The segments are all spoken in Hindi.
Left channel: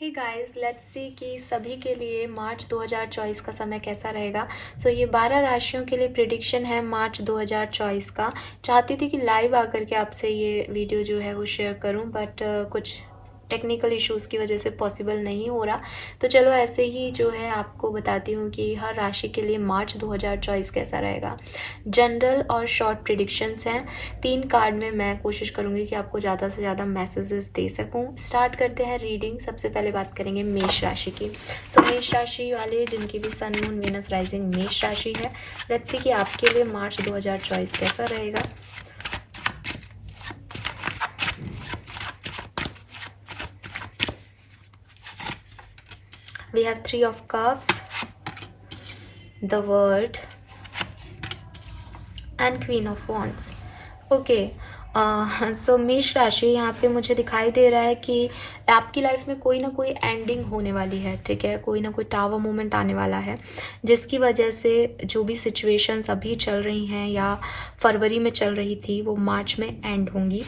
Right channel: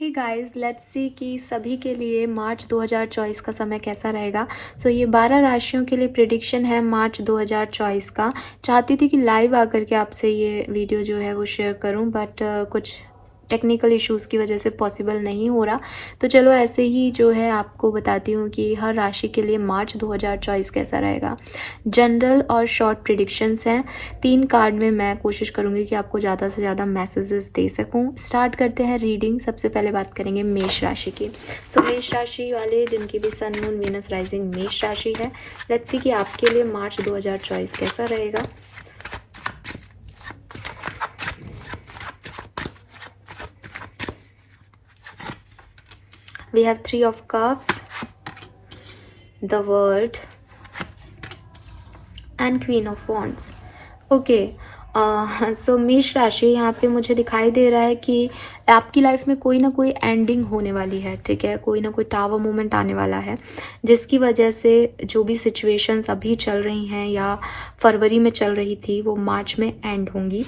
हे गाइस, लेट्स सी कि सभी के लिए मार्च 2024 का समय कैसा रहेगा। ये 12 राशियों के लिए प्रिडिक्शन है मार्च 2024 का। चाहती थी कि लाइव आकर के आपसे ये वीडियो जो है वो शेयर करूं, बट कुछ टेक्निकल इश्यूज़ की वजह से पॉसिबल नहीं हो रहा। तो चलो ऐसे ही जो है आपको बताती हूँ कि हर राशि के लिए मार्च 2024 कैसा रहेगा। जनरल और शॉर्ट प्रिडिक्शंस हैं। 3 कार्ड में मैं कोशिश करूँगी कि आपको ज़्यादा से ज़्यादा मैसेजेस दे सकूँ। स्टार्ट करते हैं रीडिंग। सबसे पहले बात करेंगे मेष राशि की। मेष राशि वाले जिनकी भी सन मून वीनस राइजिंग मेष राशि है, लेट्स सी कि आपके लिए मार्च 2024 कैसा रहेगा। We have 3 of Cups, the World and Queen of Wands. Okay, मेष राशि यहाँ पे मुझे दिखाई दे रहा है कि आपकी लाइफ में कोई ना कोई एंडिंग होने वाली है। ठीक है, कोई ना कोई टावर मोमेंट आने वाला है जिसकी वजह से जो भी सिचुएशंस अभी चल रही हैं या फरवरी में चल रही थी वो मार्च में एंड होंगी।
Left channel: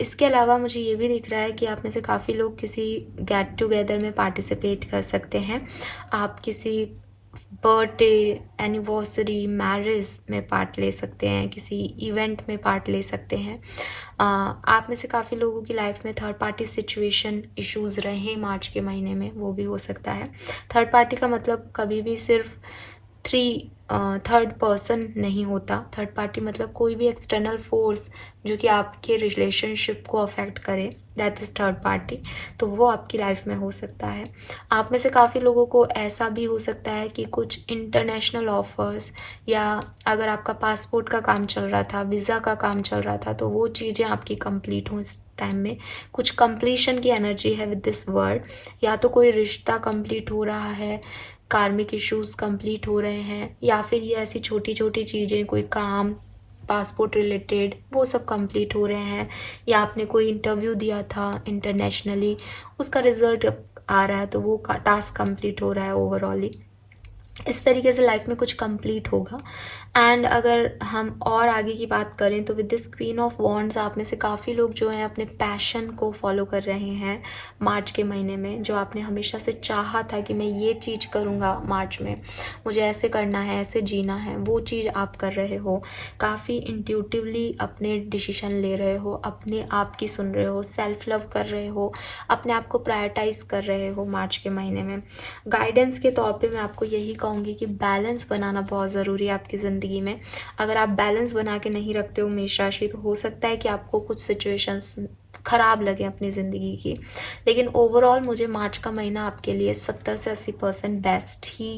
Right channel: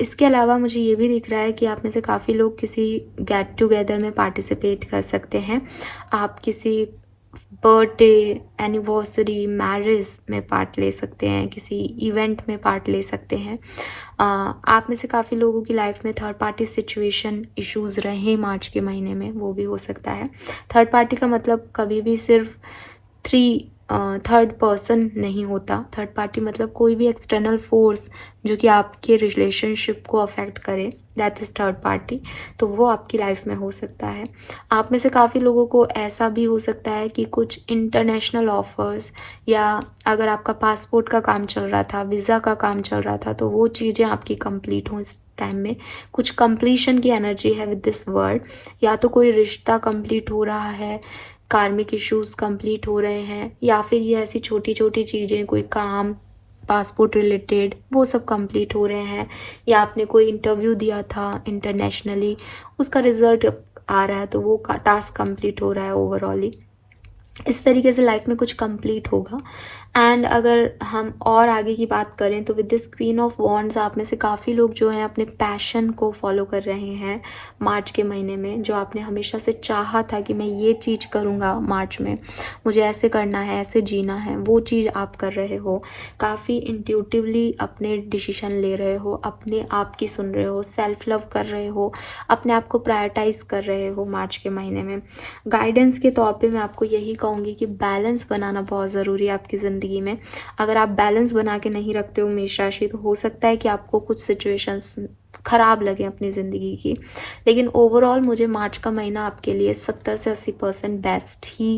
इसके अलावा मुझे ये भी दिख रहा है कि आप में से काफ़ी लोग किसी गेट टुगेदर में पार्टिसिपेट कर सकते हैं। आप किसी बर्थडे, एनिवर्सरी, मैरिज में पार्ट ले सकते हैं, किसी इवेंट में पार्ट ले सकते हैं। आप में से काफ़ी लोगों की लाइफ में थर्ड पार्टी सिचुएशन इश्यूज़ रहे मार्च के महीने में, वो भी हो सकता है। थर्ड पार्टी का मतलब कभी भी सिर्फ थर्ड पर्सन नहीं होता। थर्ड पार्टी मतलब कोई भी एक्सटर्नल फोर्स जो कि आपके रिलेशनशिप को अफेक्ट करे, दैट इज़ थर्ड पार्टी। तो वो आपकी लाइफ में हो सकता है। आप में से काफ़ी लोगों को ऐसा भी हो सकता है कि कुछ इंटरनेशनल ऑफर्स, या अगर आपका पासपोर्ट का काम चल रहा था, वीज़ा का काम चल रहा था, तो वो चीज़ें आपकी कंप्लीट हों। इस टाइम में कुछ कंप्लीशन की एनर्जी है विद दिस वर्ड। या तो कोई रिश्ता कंप्लीट हो रहा है, कार्मिक इश्यूज कंप्लीट हो रहे हैं, या फिर ये ऐसी छोटी छोटी चीज़ें, कोई काम पासपोर्ट रिलेटेड, वो सब कंप्लीट हो रहे हैं। या आपने कोई इंटरव्यू दिया था इंटरनेशनली, उसका रिजल्ट आ रहा है, तो वो टास्क कंप्लीट हो रहा है ओवरऑली। इस तरीके से लाइफ में कुछ कंप्लीट होगा। एंड अगर हम और आगे की बात करें तो with this queen of wands आप में से काफ़ी लोग जो हैं अपने पैशन को फॉलो कर रहे हैं मार्च के महीने में। जो आपने हमेशा से चाहा था कि मैं ये चीज़ करूँगा मार्च में, मुझे ऐसे करना है, ऐसे जीना है, वो चीज़ आप कर रहे हो। काफ़ी इंट्यूटिवली अपने डिसीजन ले रहे हो, अपने आप की सुन रहे हो, सेल्फ लव कर रहे हो, अपने आप को प्रायोरिटाइज कर रहे हो मार्च के महीने में। गाइडेंस के तौर पे मैं आपको यही कहूँगी कि बैलेंस बनाना बहुत ज़रूरी है आपकी ज़िंदगी में। अगर आप बैलेंस बना के नहीं रखते हो मेष राशि, तो हो सकता है कि आपको कुछ सिचुएशंस खराब लगे अपनी ज़िंदगी की। लेकिन ओवरऑल मुझे मार्च का महीना आपके लिए 70 से 80% बेस्ट ही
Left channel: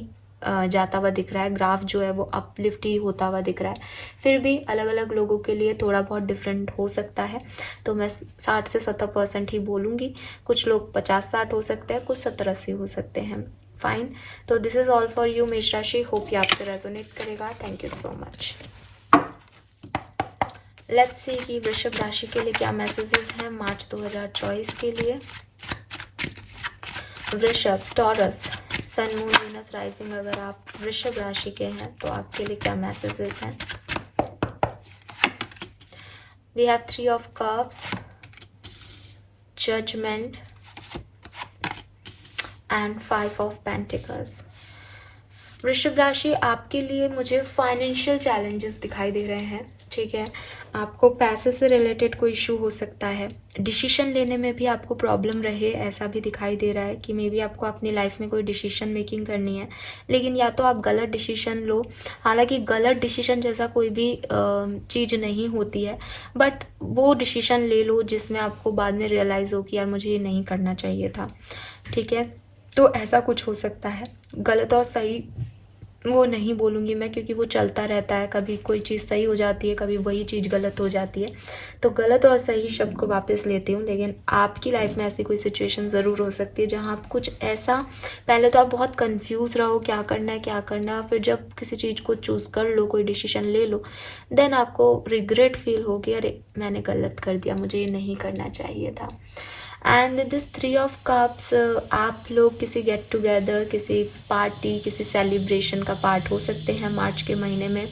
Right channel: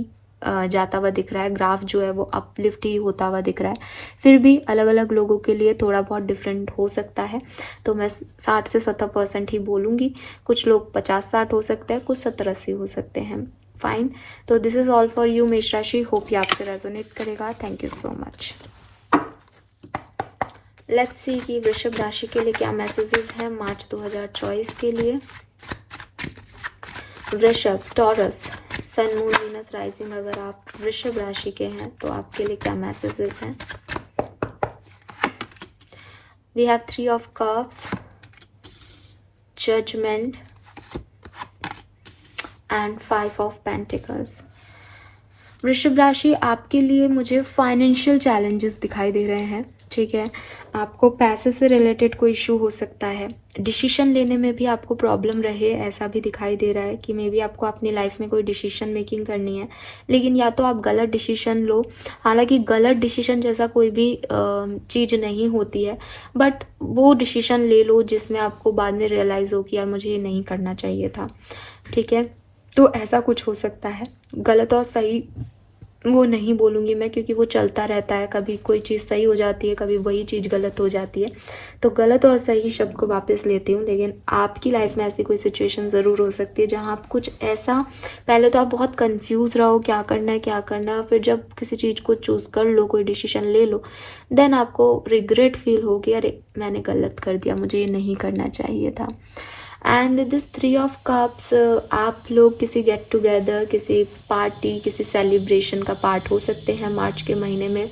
जाता हुआ दिख रहा है। ग्राफ जो है वो अपलिफ्ट ही होता हुआ दिख रहा है। फिर भी अलग अलग लोगों के लिए थोड़ा बहुत डिफरेंट हो सकता है, तो मैं 60 से 70% ही बोलूँगी। कुछ लोग 50-60 हो सकते हैं, कुछ 70-80 हो सकते हैं। फाइन, तो this is all for you मेष राशि। होप ये आपसे रेजोनेट करेगा। Thank you so much. Let's see कि वृषभ राशि के लिए क्या मैसेजेस है मार्च 2024 के लिए। Vrishabh, Taurus, sun moon Venus rising, अगर आप वृषभ राशि के हैं तो आपके लिए क्या मैसेजेस हैं। We have 3 of cups, judgement and 5 of pentacles. Vrishabh राशि आपके लिए मुझे फाइनेंशियल चैलेंजेस दिखाई दे रहे हैं। ठीक है, आपको पैसे से रिलेटेड कोई इशू हो सकता है। डिसीजन लेने में भी आपको प्रॉब्लम रहे, ऐसा भी दिखाई दे रहा है कि मे बी आपको अपनी लाइफ में कोई डिसीजन मेकिंग करनी है, लेकिन या तो आप गलत डिसीजन लो। हालांकि गलत डिसीजन जैसा कोई भी चीज़ नहीं होती है, बट वो डिसीजन ले लो जिसमें आपको बाद में रियलाइज़ हो कि यार मुझे ये नहीं करना चाहिए था। ठीक है, तो ऐसा कुछ हो सकता है। गलत और सही वो नहीं बोलूँगी मैं, क्योंकि वो चलता रहता है। कभी कोई चीज़ सही हो जाती है, कभी वही चीज़ गलत हो जाती है। तो गलत और सही शब्द को वापस लेती हूँ। लेकिन आपकी लाइफ में ऐसी कोई सिचुएशन ज़रूर हो सकती है जहाँ आप कुछ ऐसा, पहले तो आप बहुत कंफ्यूज रहो क्या करना है क्या करना है, फिर जब किसी चीज़ को चूज़ कर लो, कोई डिसीजन ले लो, देन आपको रिग्रेट फील हो कि अरे मैंने गलत कर दिया, मुझे ये नहीं करना चाहिए था। And with this 3 of cups आप लोग किसी गेट टुगेदर, किसी पार्टी, किसी सेलिब्रेशन का पार्ट हो सकते हैं मार्च के महीने में।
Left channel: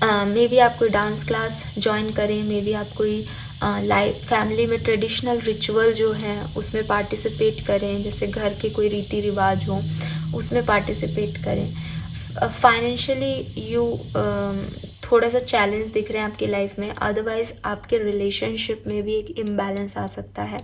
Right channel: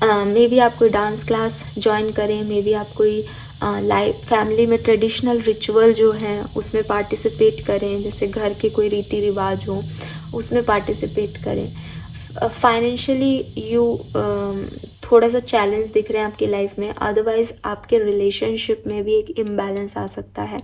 मे बी आप कोई डांस क्लास ज्वाइन करें, मे बी आप कोई लाइफ फैमिली में ट्रेडिशनल रिचुअल जो है उसमें पार्टिसिपेट करें, जैसे घर के कोई रीति रिवाज हो उसमें पार्टिसिपेट करें। फाइनेंशियली यू थोड़ा सा चैलेंज दिख रहे हैं आपकी लाइफ में, अदरवाइज आपके रिलेशनशिप में भी एक इम्बैलेंस आ सकता है।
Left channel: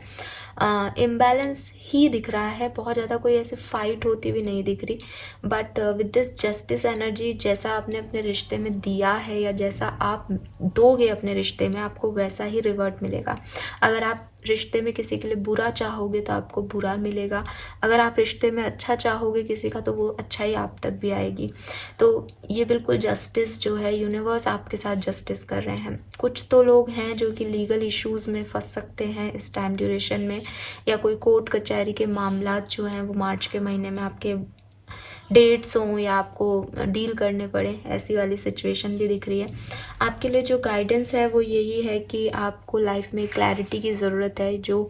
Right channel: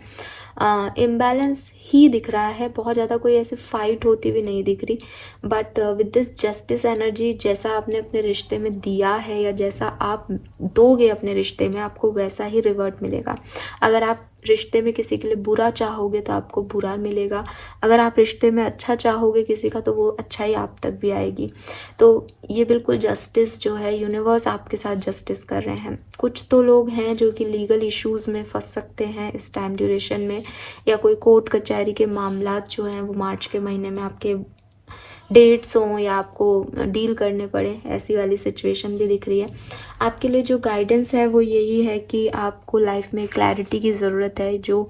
इम्बैलेंस ही दिख रहा है, बहुत ज़्यादा कोई ऐसी फाइट होती भी नहीं दिख रही, but with this justice energy, जैसा आपने अपने रिश्ते में दिया है या जैसा आप दोगे अपने रिश्ते में, आपको वैसा ही रिवर्ट मिलेगा। अगर आप रिश्ते में किसी के लिए बुरा चाहोगे तो आपको बुरा मिलेगा, अगर आप रिश्ते में अच्छा चाहोगे किसी का तो वो अच्छाई आप तक भी आएगी। तो ये बिल्कुल जस्टिस जो है, यूनिवर्स आपके साथ जस्टिस कर रहे हैं। कुछ तो लोग हैं जो कि लीगल इश्यूज़ में फंस सकते हैं इस टाइम ड्यूरेशन में, या कोई कोर्ट कचहरी के मामलात जो हैं वो मार्च के महीने में आपके डेट्स हों या आपको डील करने पड़े, ऐसी वाली सिचुएशन भी दिख रही है। आपके लिए जो गाइडेंस है वो यही है कि आपको लाइफ में क्लैरिटी की ज़रूरत है। जो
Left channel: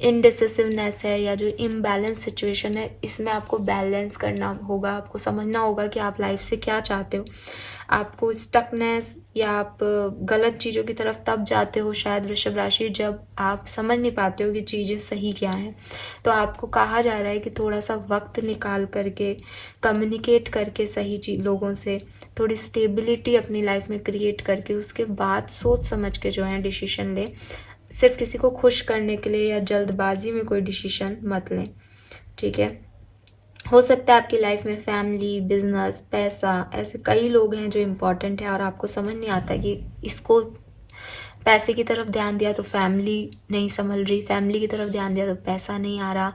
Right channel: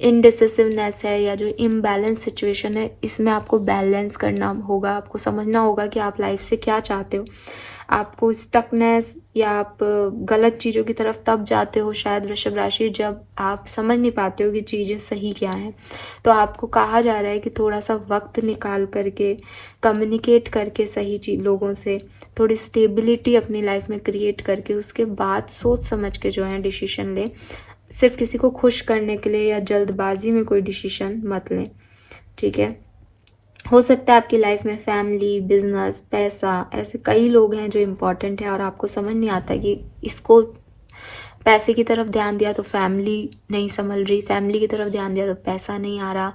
इनडिसिसिवनेस है या जो इम्बैलेंस सिचुएशन है, इसमें आपको बैलेंस करना होगा। आपको समझना होगा कि आप लाइफ से क्या चाहते हो। आपको स्टकनेस या आप गलत चीज़ों की तरफ तब जाते हो शायद वृषभ राशि, जब आप समझ नहीं पाते हो कि चीज़ें सही क्या हैं। तो आपको कहा जा रहा है कि थोड़ा सा वक्त निकाल करके कम्युनिकेट करके सही चीज लोगों से, थोड़ी स्टेबिलिटी अपनी लाइफ में क्रिएट करके उसके बाद सोच समझ के जो है डिसीजन लें। सिर्फ किसी को खुश करने के लिए या जल्दबाजी में कोई डिसीजन मत लें, ठीक है। हो सकता है आपकी लाइफ में फैमिली, बिजनेस, पैसा, ऐसे कई लोग हैं जो इम्पोर्टेंट है और आपको समझ नहीं आता कि इसको पैसे की तरफ ध्यान दिया तो फैमिली नहीं संभल रही, फैमिली की तरफ ध्यान दिया तो पैसा नहीं आ रहा,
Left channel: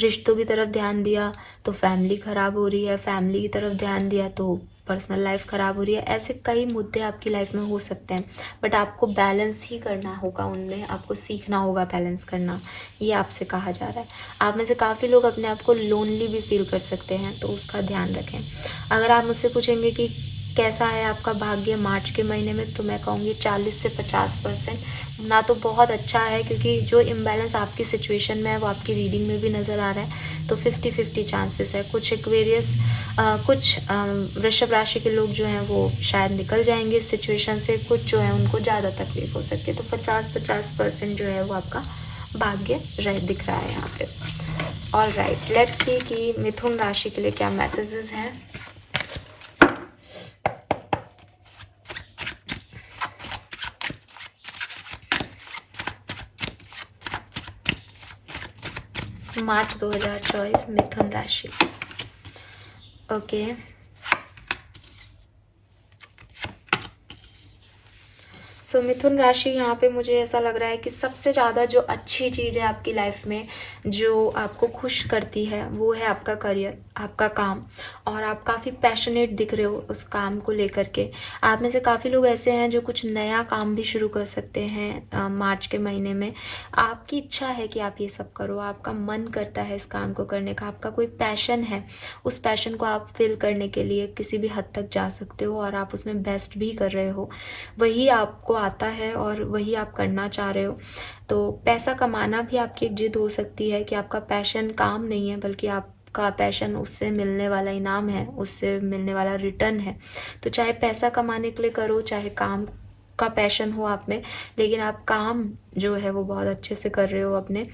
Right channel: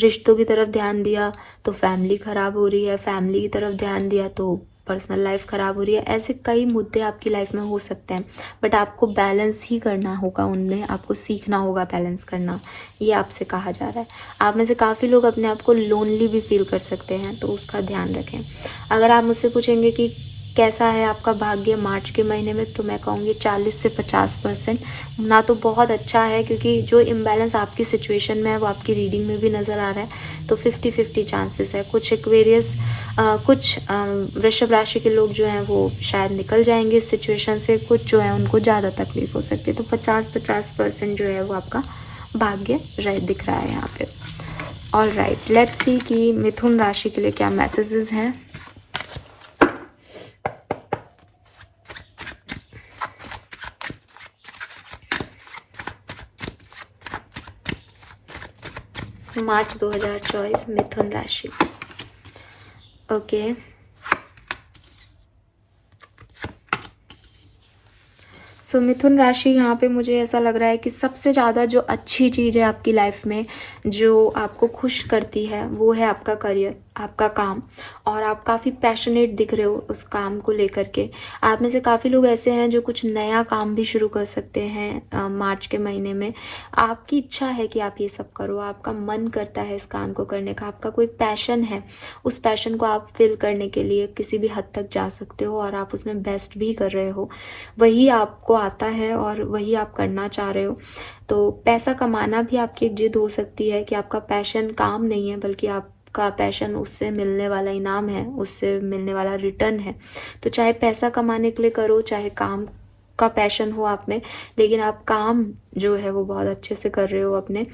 रिश्तों की तरफ ध्यान दिया तो फैमिली खराब हो रही है, फैमिली की तरफ ध्यान दिया तो पर्सनल लाइफ खराब हो रही है। ऐसे कई मुद्दे आपकी लाइफ में हो सकते हैं, बट आपको बैलेंस ही करना होगा, उनमें आपको सीखना होगा बैलेंस करना, ये आपसे कहा जा रहा है। आप में से काफ़ी लोग अपने आप को लोनली भी फील कर सकते हैं, तो उसका ध्यान रखें। अगर आप मुझसे पूछेंगे कि कैसा है आपका भाग्य मार्च के महीने में, तो मैं कहूँगी 40 से 50%। ना तो बहुत अच्छा है, क्योंकि जो इम्बैलेंस आपकी सिचुएशन में है वो आपकी रीडिंग में भी नज़र आ रहा है, तो 50-50 चांसेस है। कुछ एक्वेरियस कुछ वृषभ राशि के लोग जो हैं वो शायद निकल जाएंगे इस सिचुएशन से, कुछ जो है उनको ज़्यादा तकलीफ हो सकती है। तो 50-50% जो है वो आपका भाग्य दिख रहा है यहाँ पे। और राइट, लेट्स सी कि मिथुन राशि के लिए क्या मैसेजेस हैं। मार्च 2024 मिथुन राशि। ओके, सो मिथुन राशि, यहाँ पे मुझे ऐसा लग रहा है कि सबसे ज़्यादा जो अच्छी चीज़ है आपकी लाइफ में, जो आपको खुश करती है, वो है आपका करियर, आपका काम। और आप काफ़ी पैशनेट दिख रहे हो उस काम को लेकर के। आप में से काफ़ी लोग ऐसे हैं जो कुछ नया काम भी शुरू कर सकते हैं मार्च के महीने में। आपकी इच्छा है कि आप ये सब करो, आपका मन करता है इस काम को करने का, आपका कोई पैशन है, उस पैशन को आप फिल करने के लिए किसी भी हद तक जा सकते हो और आप उसमें बेस्ट भी कर रहे हो। वही आपको आता है और वही आप करना चाह रहे हो। तो पैसा कमाना भी आपकी एक जिद हो सकती है कि आपका पैशन काम नहीं है, बल्कि आपका पैशन उससे मिलने वाला इनाम है, उससे मिलने वाला रिटर्न है। तो चाहे पैसा कमाने के लिए करो, चाहे काम का पैशन हो आप में, लेकिन आप काम जो है वो बहुत अच्छे से कर रहे हो अपने।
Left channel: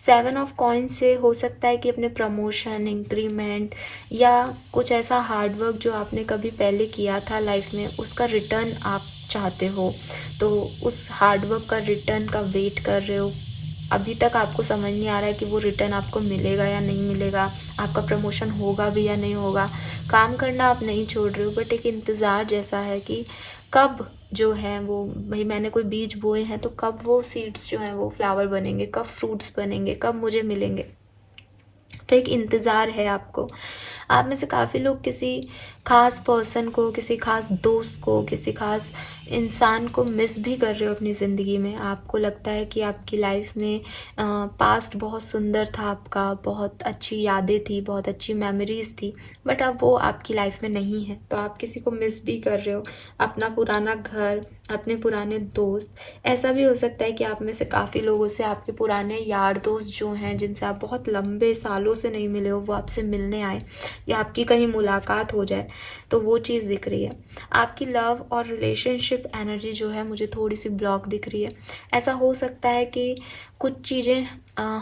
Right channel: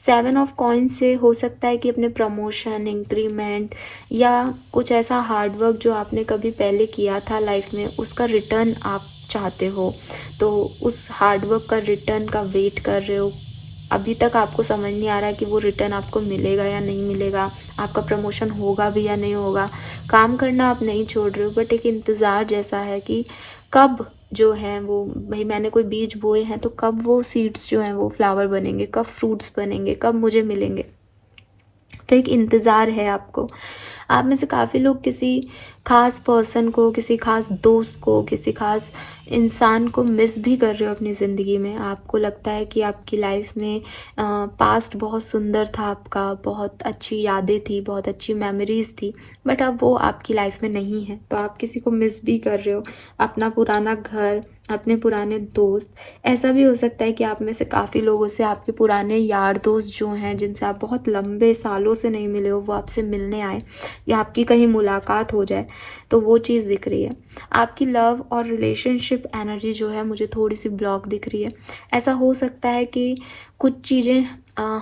7 ऑफ कॉइन से हो सकता है कि अपने प्रमोशन, इंक्रीमेंट या कुछ ऐसा हार्डवर्क जो आपने कभी पहले किया था लाइफ में, उसका रिटर्न आप चाहते हो। तो उस हार्डवर्क का रिटर्न का वेट कर रहे हो। अभी तक आपको समझ नहीं आ रहा है कि वो रिटर्न आपको मिलेगा या नहीं मिलेगा, आपका प्रमोशन होगा भी या नहीं होगा। काम करना आप नहीं छोड़ रहे हो, बट एक इंतज़ार जैसा है कि कब जो है वो, भाई मैंने कोई बीज बोए हैं तो कब वो सीड्स जो हैं वो फ्लावर बनेंगे, कब फ्रूट्स बनेंगे, कब मुझे मिलेंगे। तो एक इंतज़ार है आपको। आप में से काफ़ी लोग किसी खास पर्सन को, किसी खास दोस्त को, किसी खास इंसान को मिस भी कर रहे हो अपनी ज़िंदगी में। आपको लगता है कि आपकी लाइफ में पास्ट बहुत सुंदर था, आपका बहुत अच्छी यादें थी, बहुत अच्छी मेमोरीज थी, बट अब वो आपकी लाइफ में नहीं है। तो आप किसी को मिस भी कर रहे हो, अपना पुराना घर, अपने पुराने दोस्त। ऐसा भी हो सकता है कि आप में से काफ़ी लोगों से आपके पुराने यार दोस्त जो हैं, जिनसे आप बहुत लंबे सालों से नहीं मिले हो, वो आपसे मिलने आए या आपकी कहीं मुलाकात हो जाए। तो वो चीज़ दिख रही है। आपकी लव और रिलेशनशिप एनर्जी जो है मुझे थोड़ी सी ब्लॉक दिख रही है। ऐसा हो सकता है कि कुछ चीज़ें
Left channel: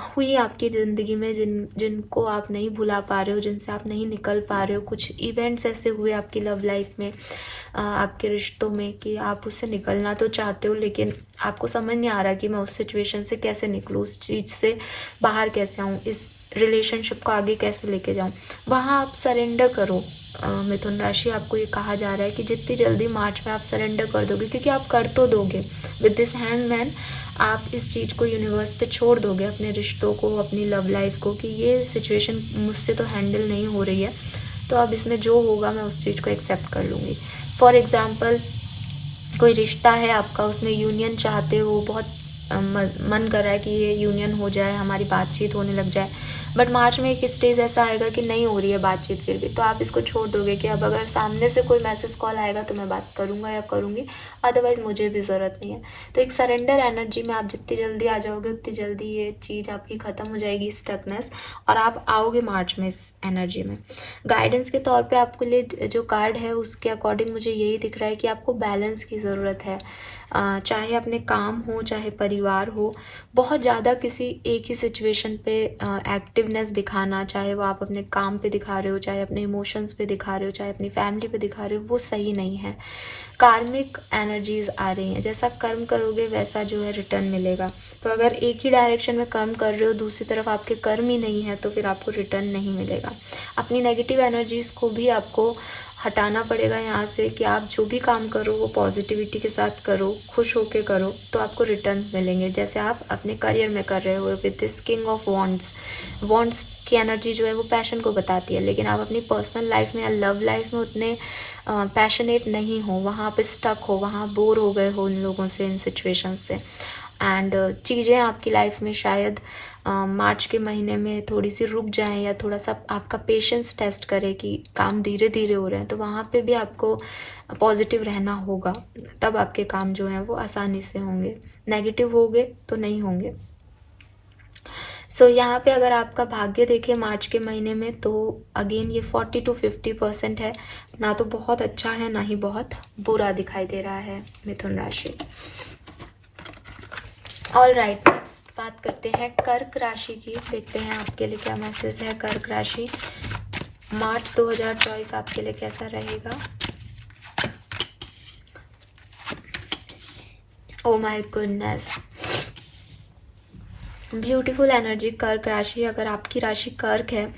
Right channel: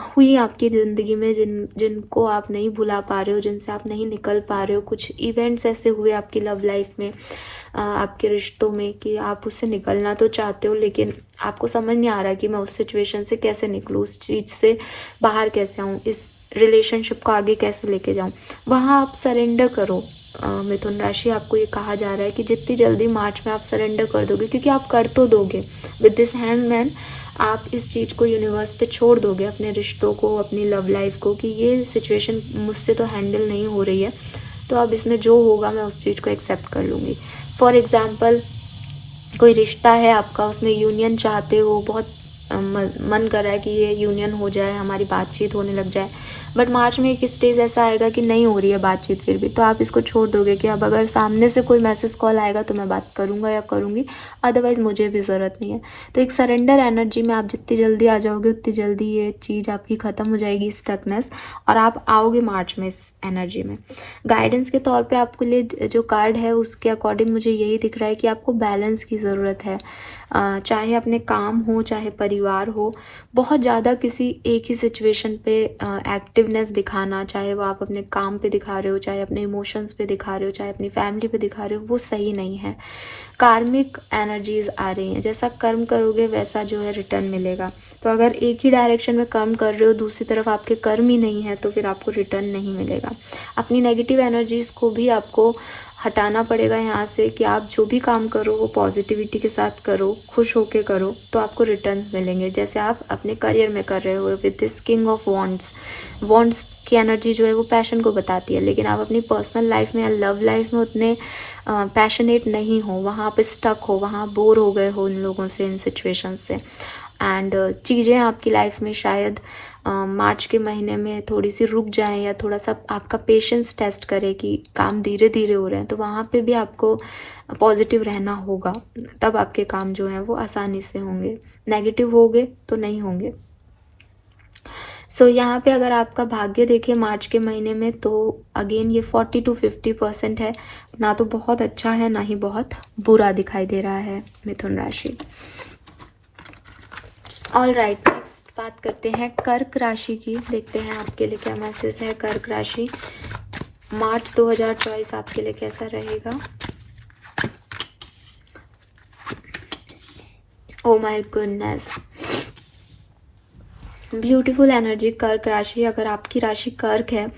हुई आपकी ज़िंदगी में जिनको आप नहीं भुला पा रहे हो, जिनसे आप नहीं निकल पा रहे हो। कुछ इवेंट्स ऐसे हुए आपकी लव लाइफ में, आपके रिश्तों में, कि आप उससे निकलना तो चाहते हो लेकिन आपको समझ नहीं आ रहा कि मैं उस सिचुएशन से कैसे निकलूँ, उस चीज़ से बाहर कैसे आऊँ, इस रिलेशनशिप को आगे कैसे लेके जाऊँ। वहाँ आप सरेंडर करो। मिथुन राशि, आपको ये कहा जा रहा है कि जितनी जल्दी मार्च में आप सरेंडर कर दोगे, क्योंकि आप कर तो दोगे विद दिस हैंगमैन, आप इस चीज़ को यूनिवर्स पे छोड़ दोगे, अपने रिश्तों को, अपनी लव लाइफ को, कि ये सिचुएशन मुझसे तो हैंडल नहीं हो रही है, तो अब इसमें जो होगा मैं उस चीज़ को एक्सेप्ट कर लूँगी। फॉर एग्ज़ाम्पल, कोई रिश्ता है आपका, उसमें यूनियन चाहते हो, बहुत मन कर रहा है कि ये यूनियन हो जाए, हमारी बातचीत होने लग जाए, बट मार्च में एक स्टेज ऐसा आएगा कि नहीं हो रही है बातचीत फिर भी, तो आप इसको छोड़ दोगे कि अब अगर सामने से कोई मैसेज कॉल आएगा तो मैं बात करूँगा या करूँगी, अदरवाइज़ मुझे भी ज़रूरत नहीं है। तो एक सरेंडर एनर्जी में आप जितनी जल्दी आ जाओगे उतनी जल्दी ये चीज़ आपकी ख़त्म हो जाएगी, स्टकनेस, और आप आओगे मार्च में इस एनर्जी में। गाइडेंस के तौर पे आपके लिए जो कार्ड है उसके अकॉर्डिंग मुझे यही दिख रहा है कि आपको बैलेंस की ज़रूरत है। चाहे अपने काम हो, चाहे परिवार हो, बहुत ज़्यादा किसी एक ही सिचुएशन पे एक्टिवनेस दिखाना, चाहे वो आप अपने काम पे दिखा रहे हो, चाहे अपने इमोशंस पे दिखा रहे हो, चाहे अपनी फैमिली पे दिखा रहे हो, वो सही नहीं है। कार्मिक एनर्जीज आ रही हैं, जैसा कर्म करोगे वैसा जो है रिटर्न मिलेगा। तो अगर एक ही डायरेक्शन में कर्म कर रहे हो, दूसरी तरफ आपके कर्म ही नहीं है, तो फिर आपको रिटर्न नहीं मिलेगा। अपनी नेगेटिव एनर्जीज को भी आपको हटाना पड़ेगा यहाँ से, कि आप जो भी काम करो वो पॉजिटिविटी के साथ करो, खुश होके करो, तो आपको रिटर्न मिलेंगे, जैसे आप अपने करियर में कर रहे हो with this king of wands. Wands की एनर्जी जो है वो पैशन को बताती है, लेकिन आप अपनी पर्सनल लाइफ में या लव लाइफ में उतने पैशनेट नहीं हो, वहाँ पे स्टक हो, वहाँ बोर हो गए हो इन लोगों से, इन सिचुएशन से, एंड चीज़ें आपकी लाइफ में शायद मार्च के महीने में थोड़ी सी रुक जाए, या थोड़ा सा आपका पेशेंस टेस्ट करे कि काम धीरे धीरे हो रहा है, तो वहाँ पे भी आपको पॉजिटिव रहना होगा, तब आपके काम जो हैं वो आसानी से होंगे। नेगेटिव होंगे तो नहीं होंगे। सो यहाँ पे अगर आपका भाग्य देखें मार्च के महीने में, तो अगेन ये 40 to 50% है, ना तो बहुत अच्छा है ना ही बहुत बुरा दिखाई दे रहा है मिथुन राशि। ऑल राइट, नेक्स्ट बात करते हैं कर्क राशि की। देखते हैं आपके लिए क्या मैसेज है। कर्क राशि, मार्च 2024 आपके लिए कैसा रहेगा। Oh my goodness, beautiful energy कर्क राशि। अगर आपकी राशि कर्क है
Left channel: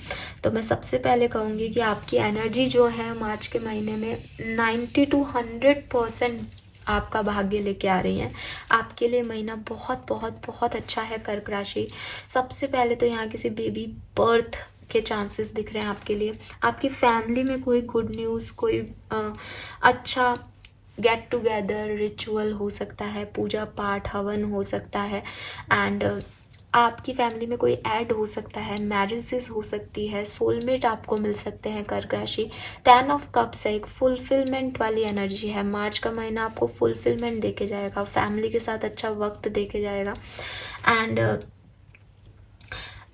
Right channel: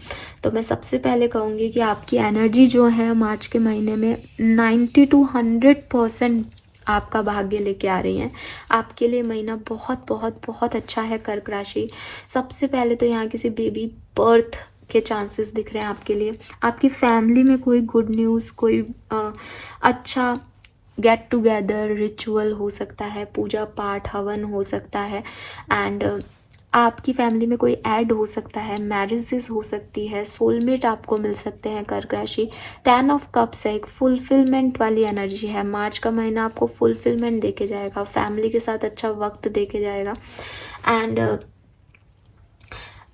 तो मैं सबसे पहले कहूँगी कि आपकी एनर्जी जो है मार्च के महीने में 90 to 100% आपका भाग्य लेके आ रही है। आपके लिए महीना बहुत बहुत बहुत अच्छा है कर्क राशि। सबसे पहले तो यहाँ किसी बेबी बर्थ के चांसेस दिख रहे हैं आपके लिए। आपकी फैमिली में कोई गुड न्यूज़, कोई अच्छा गेट टुगेदर रिचुअल हो सकता है, पूजा पाठ हवन हो सकता है, एंड आपकी फैमिली में कोई ऐड हो सकता है, मैरिजेस हो सकती है, सोलमेट आपको मिल सकते हैं कर्क राशि। 10 ऑफ कप्स है, एक फुलफिलमेंट वाली एनर्जी है। मार्च का महीना आपको फुलफिलमेंट देके जाएगा, फैमिली के साथ अच्छा वक्त देके जाएगा, एंड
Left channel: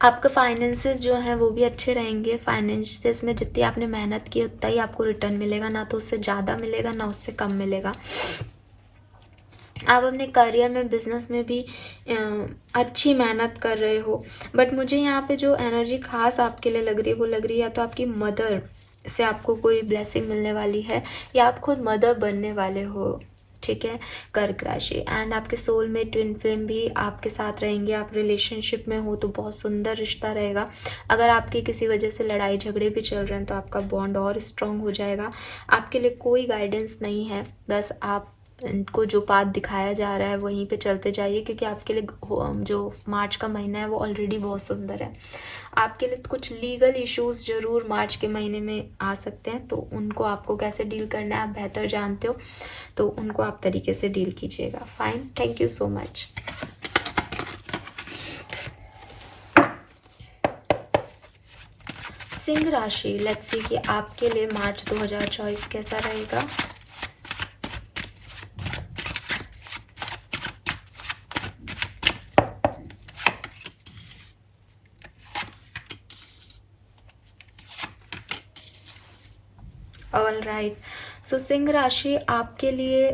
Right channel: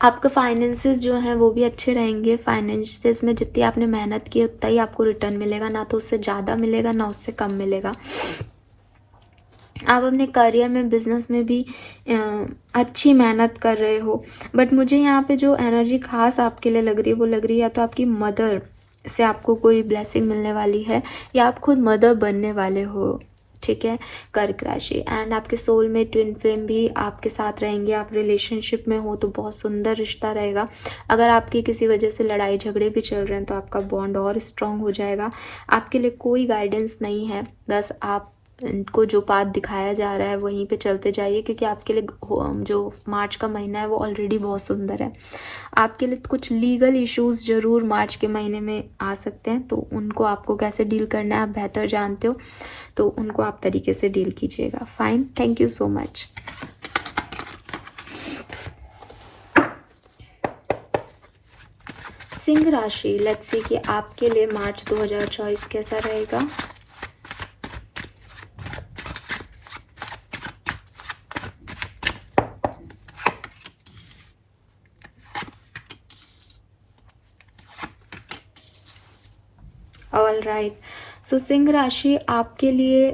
आपका फाइनेंसेस जो है वो भी अच्छे रहेंगे। फाइनेंसेस में जितनी आपने मेहनत की उतना ही आपको रिटर्न मिलेगा, ना तो उससे ज़्यादा मिलेगा ना उससे कम मिलेगा। आप अपने करियर में, बिजनेस में भी अच्छी मेहनत कर रहे हो, बट मुझे यहाँ पे जो एनर्जी खास आपके लिए लग रही है वो लग रही है या तो आपकी मदर से आपको कोई ब्लेसिंग मिलने वाली है, या आप खुद मदर बनने वाले हो। ठीक है कर्क राशि, एंड आपके सोल में ट्विन फ्लेम भी आपके साथ रहेंगे। आप रिलेशनशिप में हो तो बहुत सुंदर रिश्ता रहेगा। अगर आपकी किसी वजह से लड़ाई झगड़े भी चल रहे हैं तो आपका बॉन्ड और स्ट्रांग हो जाएगा। आपके लिए कोई गाइडेंस नहीं है, बस आप को जो पाथ दिखाया जा रहा है वहीं पे चलते जाइए, क्योंकि आपके लिए जो मार्च का महीना है वो ऑलरेडी बहुत सुंदर है। आपके लिए कुछ लीगल इश्यूज जरूर मार्च के महीने में आ सकते हैं, तो उनको आपको कैसे डील करना है आप बेहतर जानते हो, तो उनको आप तरीके से डील कीजिएगा। Fine, thank you so much. Singh राशि, लेट्स सी कि आपके लिए मार्च 2024 कैसा रहेगा। All right. सो सिंह राशि आपके लिए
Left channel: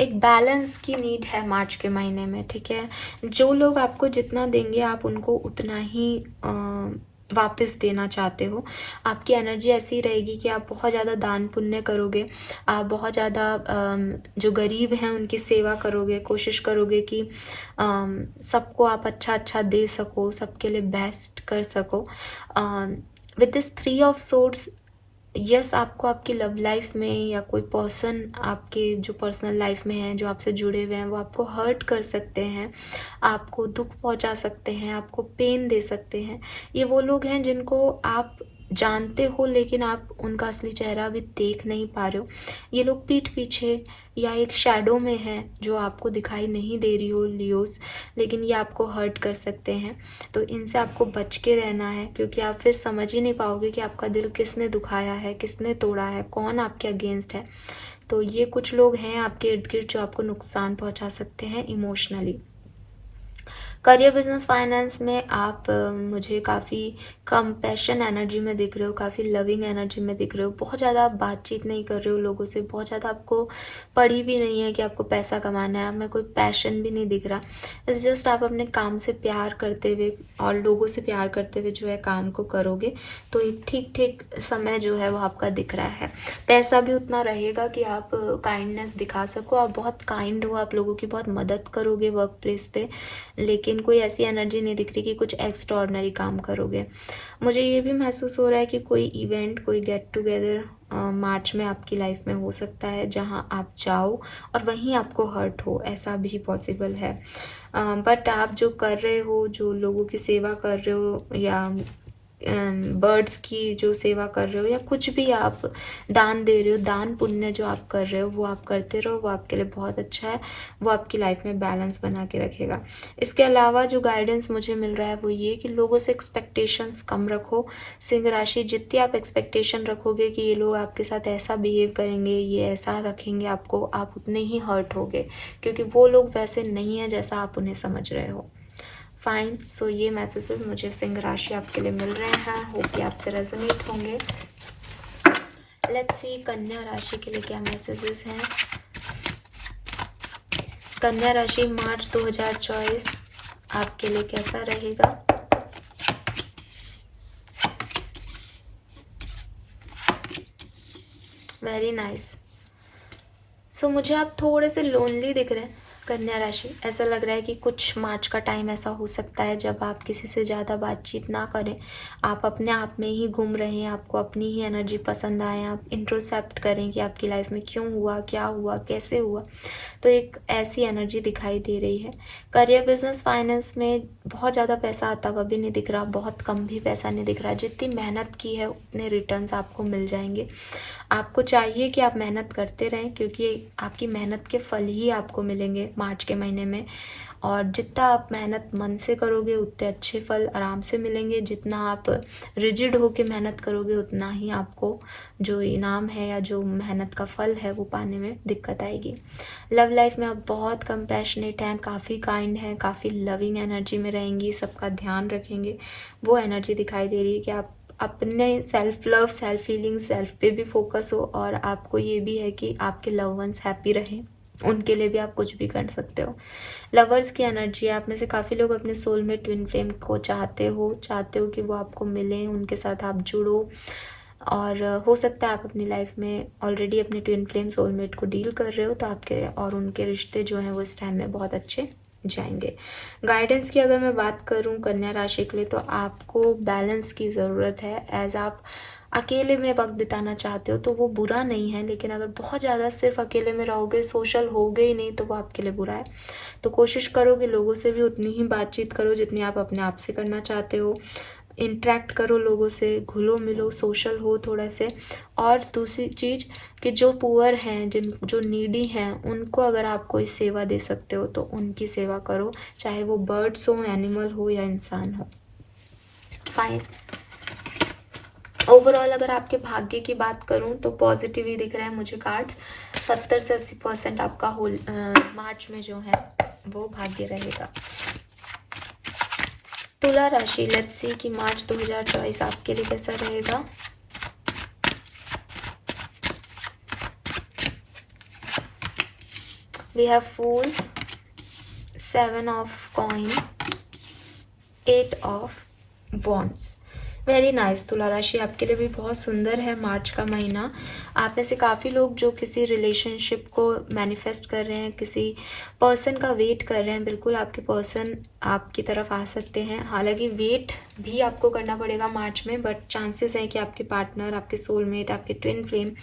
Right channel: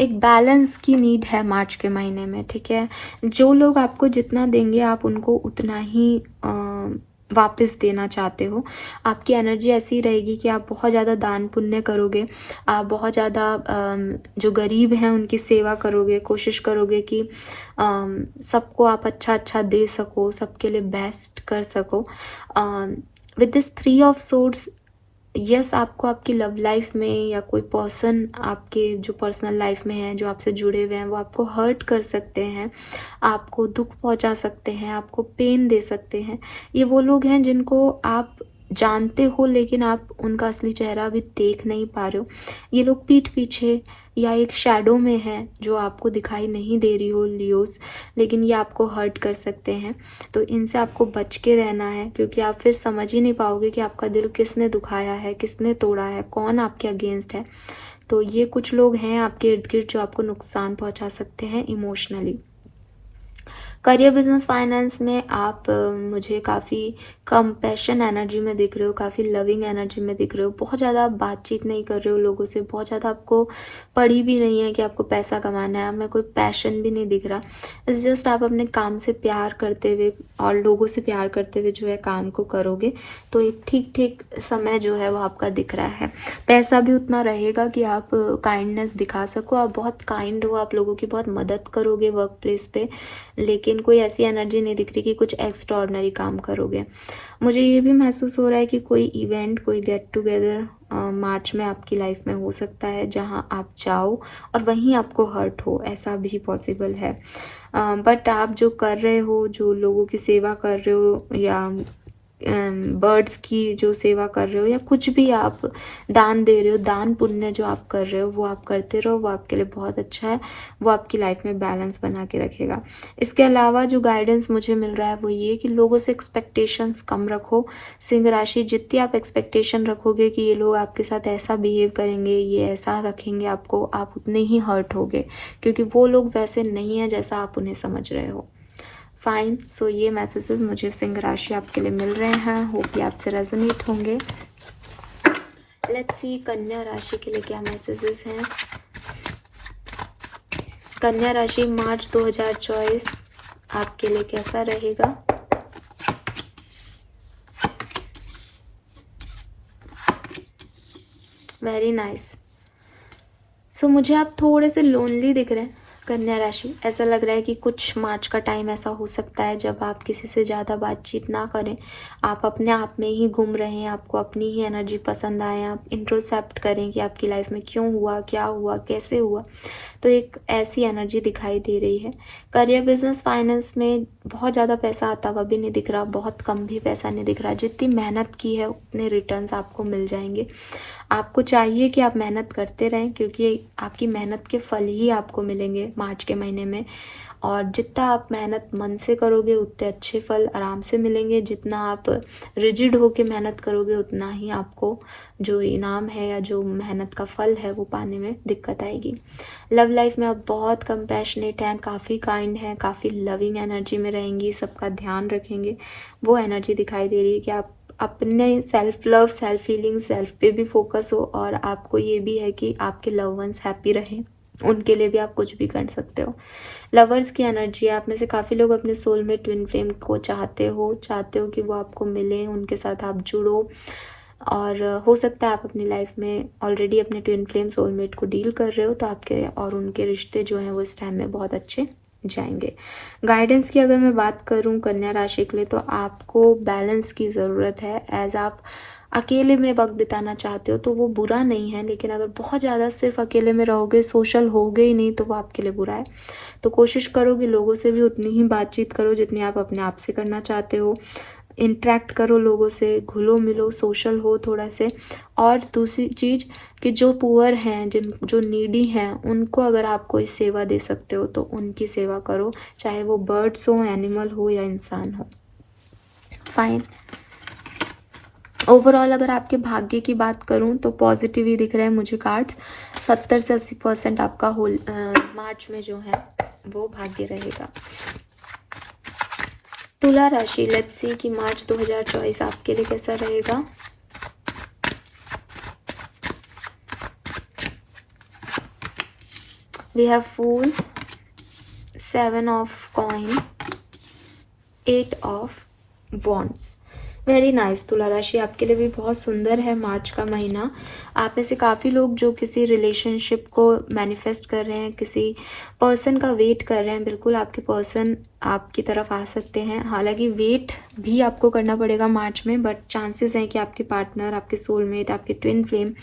एक बैलेंस की नीड है मार्च के महीने में, ठीक है। जो लोग आपको जितना देंगे आप उनको उतना ही वापस देना चाहते हो। आपकी एनर्जी ऐसी रहेगी कि आप बहुत ज़्यादा दान पुण्य करोगे, आप बहुत ज़्यादा जो गरीब हैं उनकी सेवा करोगे, कोशिश करोगे कि सबको आप अच्छा अच्छा दे सको, सबके लिए बेस्ट कर सको। With this 3 of swords, yes आपको आपकी लव लाइफ में या कोई पर्सन आपके जो पर्सनल लाइफ में है, जो आपसे जुड़े हुए हैं, वो आपको हर्ट कर सकते हैं, आपको दुख पहुंचा सकते हैं, आपको पेन दे सकते हैं। ये वो लोग हैं जिनको आप जानते हो लेकिन आप उनका असली चेहरा भी देख नहीं पा रहे हो। ये लोग पीठ पीछे या एक शैडो में है जो आपको दिखाई नहीं दे रही हो लियोज, लेकिन ये आपको हर्ट कर सकते हैं। तो इनसे आपको बच के रहना है, क्योंकि आप फिर समझ ही नहीं पाओगे कि आपका दिल किसने दुखाया है, किसने तोड़ा है, कौन आपके अगेंस्ट है। तो ये कुछ लोग हैं आपके इर्द गिर्द जो आपको नुकसान पहुंचा सकते हैं इमोशनली। करियर, बिजनेस, फाइनेंस में आप मुझे काफ़ी कंपैशन एनर्जी में दिख रहे हो, काफ़ी लविंग एनर्जी में दिख रहे हो। बहुत ज़्यादा बातचीत नहीं कर रहे हो लोगों से, बहुत ज़्यादा आपको पड़ी भी नहीं है कि आपको पैसा कमाना है, आपमें कोई पैशन भी नहीं दिख रहा। इट्स जस्ट आप अपने काम से प्यार करते हुए और लोगों से प्यार करते हुए जो है काम को करोगे तो एक ठीक ठीक समय जो है वो आपका दिख रहा है। पैसा भी उतना रहेगा कि आप काइंडनेस दिखा सको, आप बहुत काइंड हो, आप लोगों की बहुत मदद करोगे वर्क प्लेस पे, लेकिन कोई ऐसी एनर्जी नहीं दिख रही कि कुछ एक्स्ट्राऑर्डिनरी काम करोगे। मुझे ये भी महसूस हो रहा है कि कोई इवेंट, कोई गेट टुगेदर मार्च में आपकी लाइफ में हो सकता है जहां आप जाओ और वहीं आपको हर्ट हो, ऐसा भी पॉसिबल है। बट आप जो कर रहे हो, जो लोगों की सेवा कर रहे हो या बर्ड्स की जो सेवा कर रहे हो या कुछ भी आप दान दे रहे हो, दान पुण्य जो आप कर रहे हो वो आप करते रहो, वो आपके लिए बहुत अच्छा है, वो आपकी लाइफ में बैलेंस बना के रखेगा। इसके अलावा जो गाइडेंस मुझे मिल रहा है वो ये कि लोगों से एक्सपेक्टेशंस कम रखो। सिंह राशि, जितनी आप एक्सपेक्टेशन रखोगे कि ये लोग आपके साथ ऐसा बिहेव करेंगे, ये ऐसा रखेंगे आपको, आप उतने ही हर्ट होगे, क्योंकि वो लोग वैसे नहीं है जैसा आप उन्हें समझ रहे हो। फाइन। सो ये मैसेजेस मुझे सिंह राशि आपके लिए मिल रहे हैं, होप कि आपसे रेजोनेट होंगे। लेट्स सी कन्या राशि के लिए क्या मैसेजेस हैं। कन्या राशि, मार्च 2024 आपके लिए कैसा रहेगा? Very nice. सो मुझे आप थोड़े से लोनली दिख रहे हैं कन्या राशि। ऐसा लग रहा है कि कुछ मार्च का टाइम ऐसा हो सकता है जब आप किसी से ज़्यादा बातचीत ना करें, आप अपने आप में ही घूम रहे हैं, आपको अपनी ही एनर्जी पसंद आए, आप इंट्रोस्पेक्ट करें कि आपकी लाइफ में क्यों हुआ, क्या हुआ, कैसे हुआ। तो एक ऐसी एनर्जी दिखाई दे रही है। करियर, बिजनेस, फाइनेंस में बहुत ज़्यादा पैसा आता हुआ भी नहीं दिख रहा, बहुत कम भी पैसा नहीं दिख रहा। जितनी मेहनत की है उतने रिटर्न्स आपको मिल जाएंगे। आपको चाहिए कि आप मेहनत करते रहें, क्योंकि आपकी मेहनत के फल ही आपको मिलेंगे मार्च के महीने में। और जितना आप मेहनत मन से करोगे उतने अच्छे फल आराम से मिलेंगे। जितना आप रिजिड होके मेहनत करोगे उतना ही आपको जो इनाम है या जो मेहनत का फल है वो पाने में दिक्कत आएगी। लव लाइफ में आप बहुत कंपैशनेट हैं, काफ़ी काइंड हैं, काफ़ी लविंग एनर्जी में रहेंगी, सबका ध्यान रखेंगे। वो एनर्जी दिखाई दे रही है कि आप अपने self love, self feeling, self पे भी फोकस हो, और आपको ये भी है कि आपके लव वंस हैप्पी रहें, उनके लिए भी आप कुछ भी कर सकते हो। लवर्स की एनर्जी है, आप में से काफ़ी लोग अपने सोल में ट्विन फ्लेम को चाहते हो कि वो आपको मिले, उनके साथ आप जुड़ो। और हो सकता है आप अपनी लाइफ में ऑलरेडी अपने ट्विन फ्लेम सोलमेट को डील कर रहे हो, तो आपके और उनके रिश्ते जो हैं वो इस टाइम में बहुत अच्छे जाएंगे। गाइडेंस की अगर मैं बात करूं कन्या राशि के लिए, तो आपको बैलेंस की ज़रूरत है। एज आप अकेले में वक्त बिताना चाहते हो तो वो बुरा नहीं है, लेकिन अगर बहुत ज़्यादा सिर्फ अकेले में रहोगे, सोशल होगे ही नहीं, तो वो आपके लिए बुरा है। तो कोशिश करो कि लोगों से भी उतनी ही बातचीत करो जितनी आप अपने आप से करना चाहते हो। इंटरेक्ट करो लोगों से, घुलो मिलो, सोशल हो थोड़ा से। और दूसरी चीज़ कि जो पुअर हैं, जो नीडी हैं, उनको अगर आप कोई सेवा दे सकते हो तो उनकी सेवा करो, चाहे वो बर्ड्स हो, एनिमल हो या इंसान हो। फाइन। ओवरऑल अगर आपके भाग्य की बात करूं तो पॉजिटिव ही दिख रहे हैं मुझे कार्ड्स। 70 से 80% आपका होल मार्च में जो है वो भाग्य रहेगा। तुला राशि, लेट्स सी कि मार्च 2024 आपके लिए कैसा रहेगा। We have fool, 7 of coin, 8 of wands. Very nice. Tula राशि आपके लिए भी बहुत सुंदर है मार्च का महीना। आप में से काफ़ी लोग जो किसी रिलेशनशिप को मैनिफेस्ट कर रहे हैं, किसी पर्सन का वेट कर रहे हैं, बिल्कुल आपके पर्सन आपकी तरफ आ सकते हैं। हालांकि वेट भी आपको करना पड़ेगा मार्च में, बट चांसेस हैं कि आपके पार्टनर, आपके सोलमेट, आपके ट्विन फ्लेम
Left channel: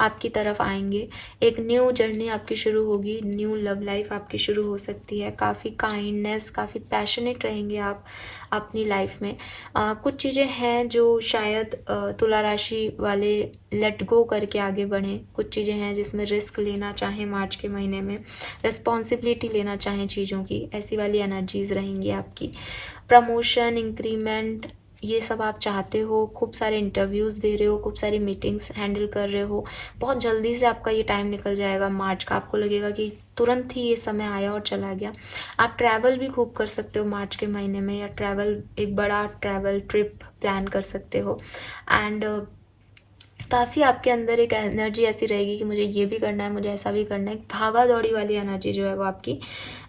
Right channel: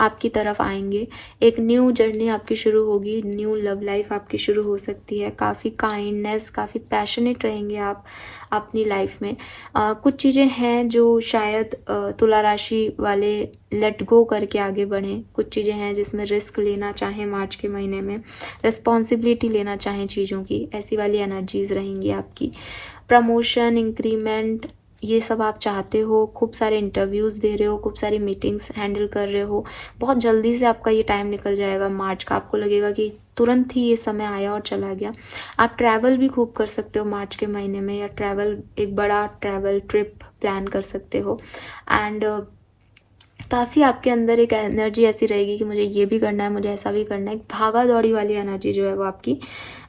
आपकी तरफ आएंगे। एक न्यू जर्नी आपकी शुरू होगी, न्यू लव लाइफ आपकी शुरू हो सकती है। काफ़ी काइंडनेस, काफ़ी पैशनेट रहेंगे आप अपनी लाइफ में। कुछ चीज़ें हैं जो शायद तुला राशि वाले लेट गो करके आगे बढ़ें। कुछ चीज़ें हैं जिसमें रिस्क लेना चाहें मार्च के महीने में, रिस्पॉन्सिबिलिटी लेना चाहें चीज़ों की, ऐसी वाली एनर्जीज रहेंगी आपकी। प्रमोशन, इंक्रीमेंट, ये सब आप चाहते हो। खूब सारे इंटरव्यूज़ दे रहे हो, खूब सारी मीटिंग्स हैंडल कर रहे हो। बहुत जल्दी से आपका ये टाइम निकल जाएगा मार्च का। आपको लगेगा कि तुरंत ही ये समय आया और चला गया। आप ट्रैवल भी खूब कर सकते हो मार्च के महीने में, या ट्रैवल, एक बड़ा ट्रैवल ट्रिप प्लान कर सकते हो। एंड काफ़ी आपके अंदर एक एनर्जी ऐसी रहेगी कि मुझे ये भी करना है, मुझे ऐसा भी करना है। भागा दौड़ी वाली एनर्जी जो है वो आपकी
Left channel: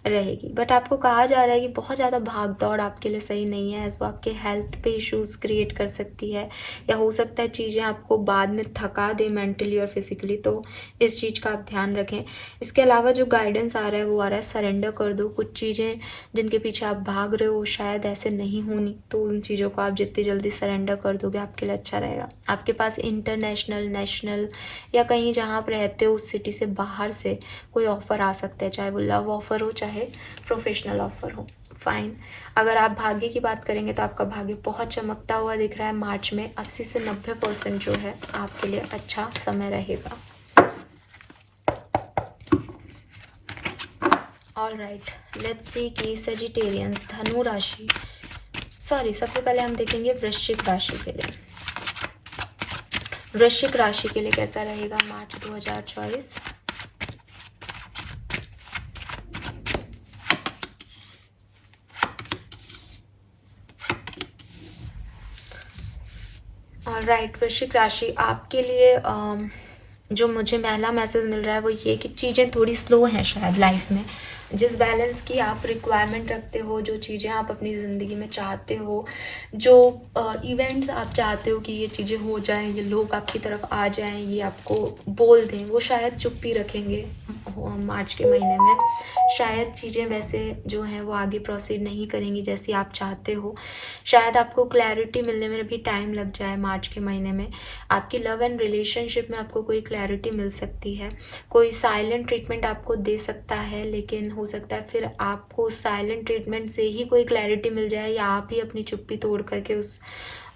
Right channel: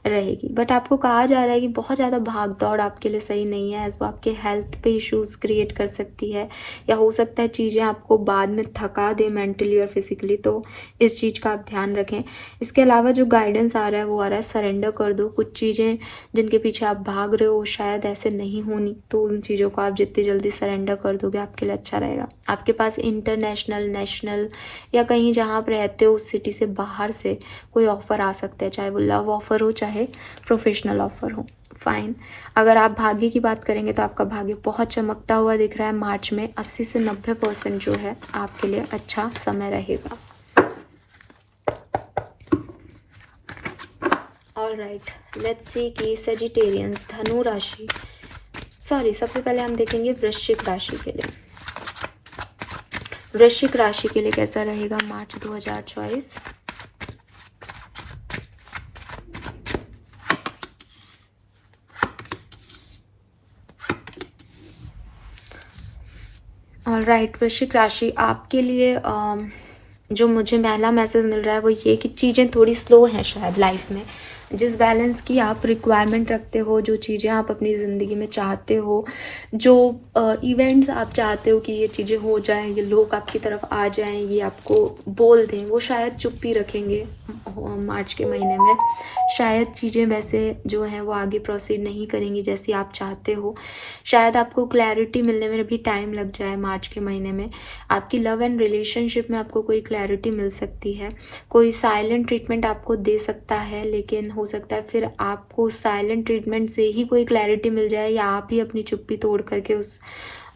रहेगी। बट आपको कहा जा रहा है कि बहुत ज़्यादा भाग दौड़ आपके लिए सही नहीं है, वो आपके हेल्थ पे इश्यूज क्रिएट कर सकती है, या हो सकता है चीज़ें आपको बाद में थका दे मेंटली और फिजिकली। तो इस चीज़ का आप ध्यान रखें। इसके अलावा जो गाइडेंस आ रहा है वो आ रहा है सरेंडर कर दो। कुछ चीज़ें जिनके पीछे आप भाग रहे हो शायद ऐसे नहीं होनी, तो उन चीज़ों को आप जितनी जल्दी सरेंडर कर दोगे आपके लिए अच्छा रहेगा। आपके पास इंटरनेशनल, नेशनल या कहीं जहाँ आप रहते हो उस सिटी से बाहर से कोई ऑफर आ सकता है, चाहे वो लव ऑफर हो, चाहे प्रोफेशनल ऑफर हो। फाइन। अगर आप भाग्य की बात करेंगे तो आपका भाग्य बहुत चमकता हुआ दिख रहा है मार्च में। 80 से 90% जो है आपके लिए अच्छा समय रहेगा। ऑलराइट, लेट्स सी कि सजिटेरियंस, धनु राशि, सबसे पहले हम देखेंगे वृश्चिक राशि के लिए। वृश्चिक राशि के लिए कैसा रहेगा मार्च 2024? ऑलराइट, वृश्चिक राशि आपके लिए जो मुझे पहला मैसेज मिल रहा है वो ये कि चीज़ें थोड़ी स्लो हैं शायद लाइफ में। जिस बैलेंस की आप रिक्वायरमेंट रखते हो, जो चीज़ें आप अपनी ज़िंदगी में चाहते हो, जो इवेंट्स आप चाहते हो कि ये चीज़ें हो जाएं, ये लोग आपकी तरफ आ जाएं, ये आपको बोल दें, वो शायद चुप्पी रखेंगे मार्च के महीने में। शायद चीज़ें वैसे जो हैं वो आगे प्रोसीड नहीं करेंगी जैसी आप चाहते हो। शायद आपको क्लैरिटी मिलने में भी टाइम लग जाए मार्च के महीने में। आपकी लव एंड रिलेशनशिप में आपको कोई क्लैरिटी मिल सकती है। कोई साइलेंट ट्रीटमेंट आपको दे सकता है, लेकिन हो सकता है फिर आपको साइलेंट ट्रीटमेंट से ही कोई क्लैरिटी मिल जाए, या आप ही अपनी चुप्पी तोड़ करके उस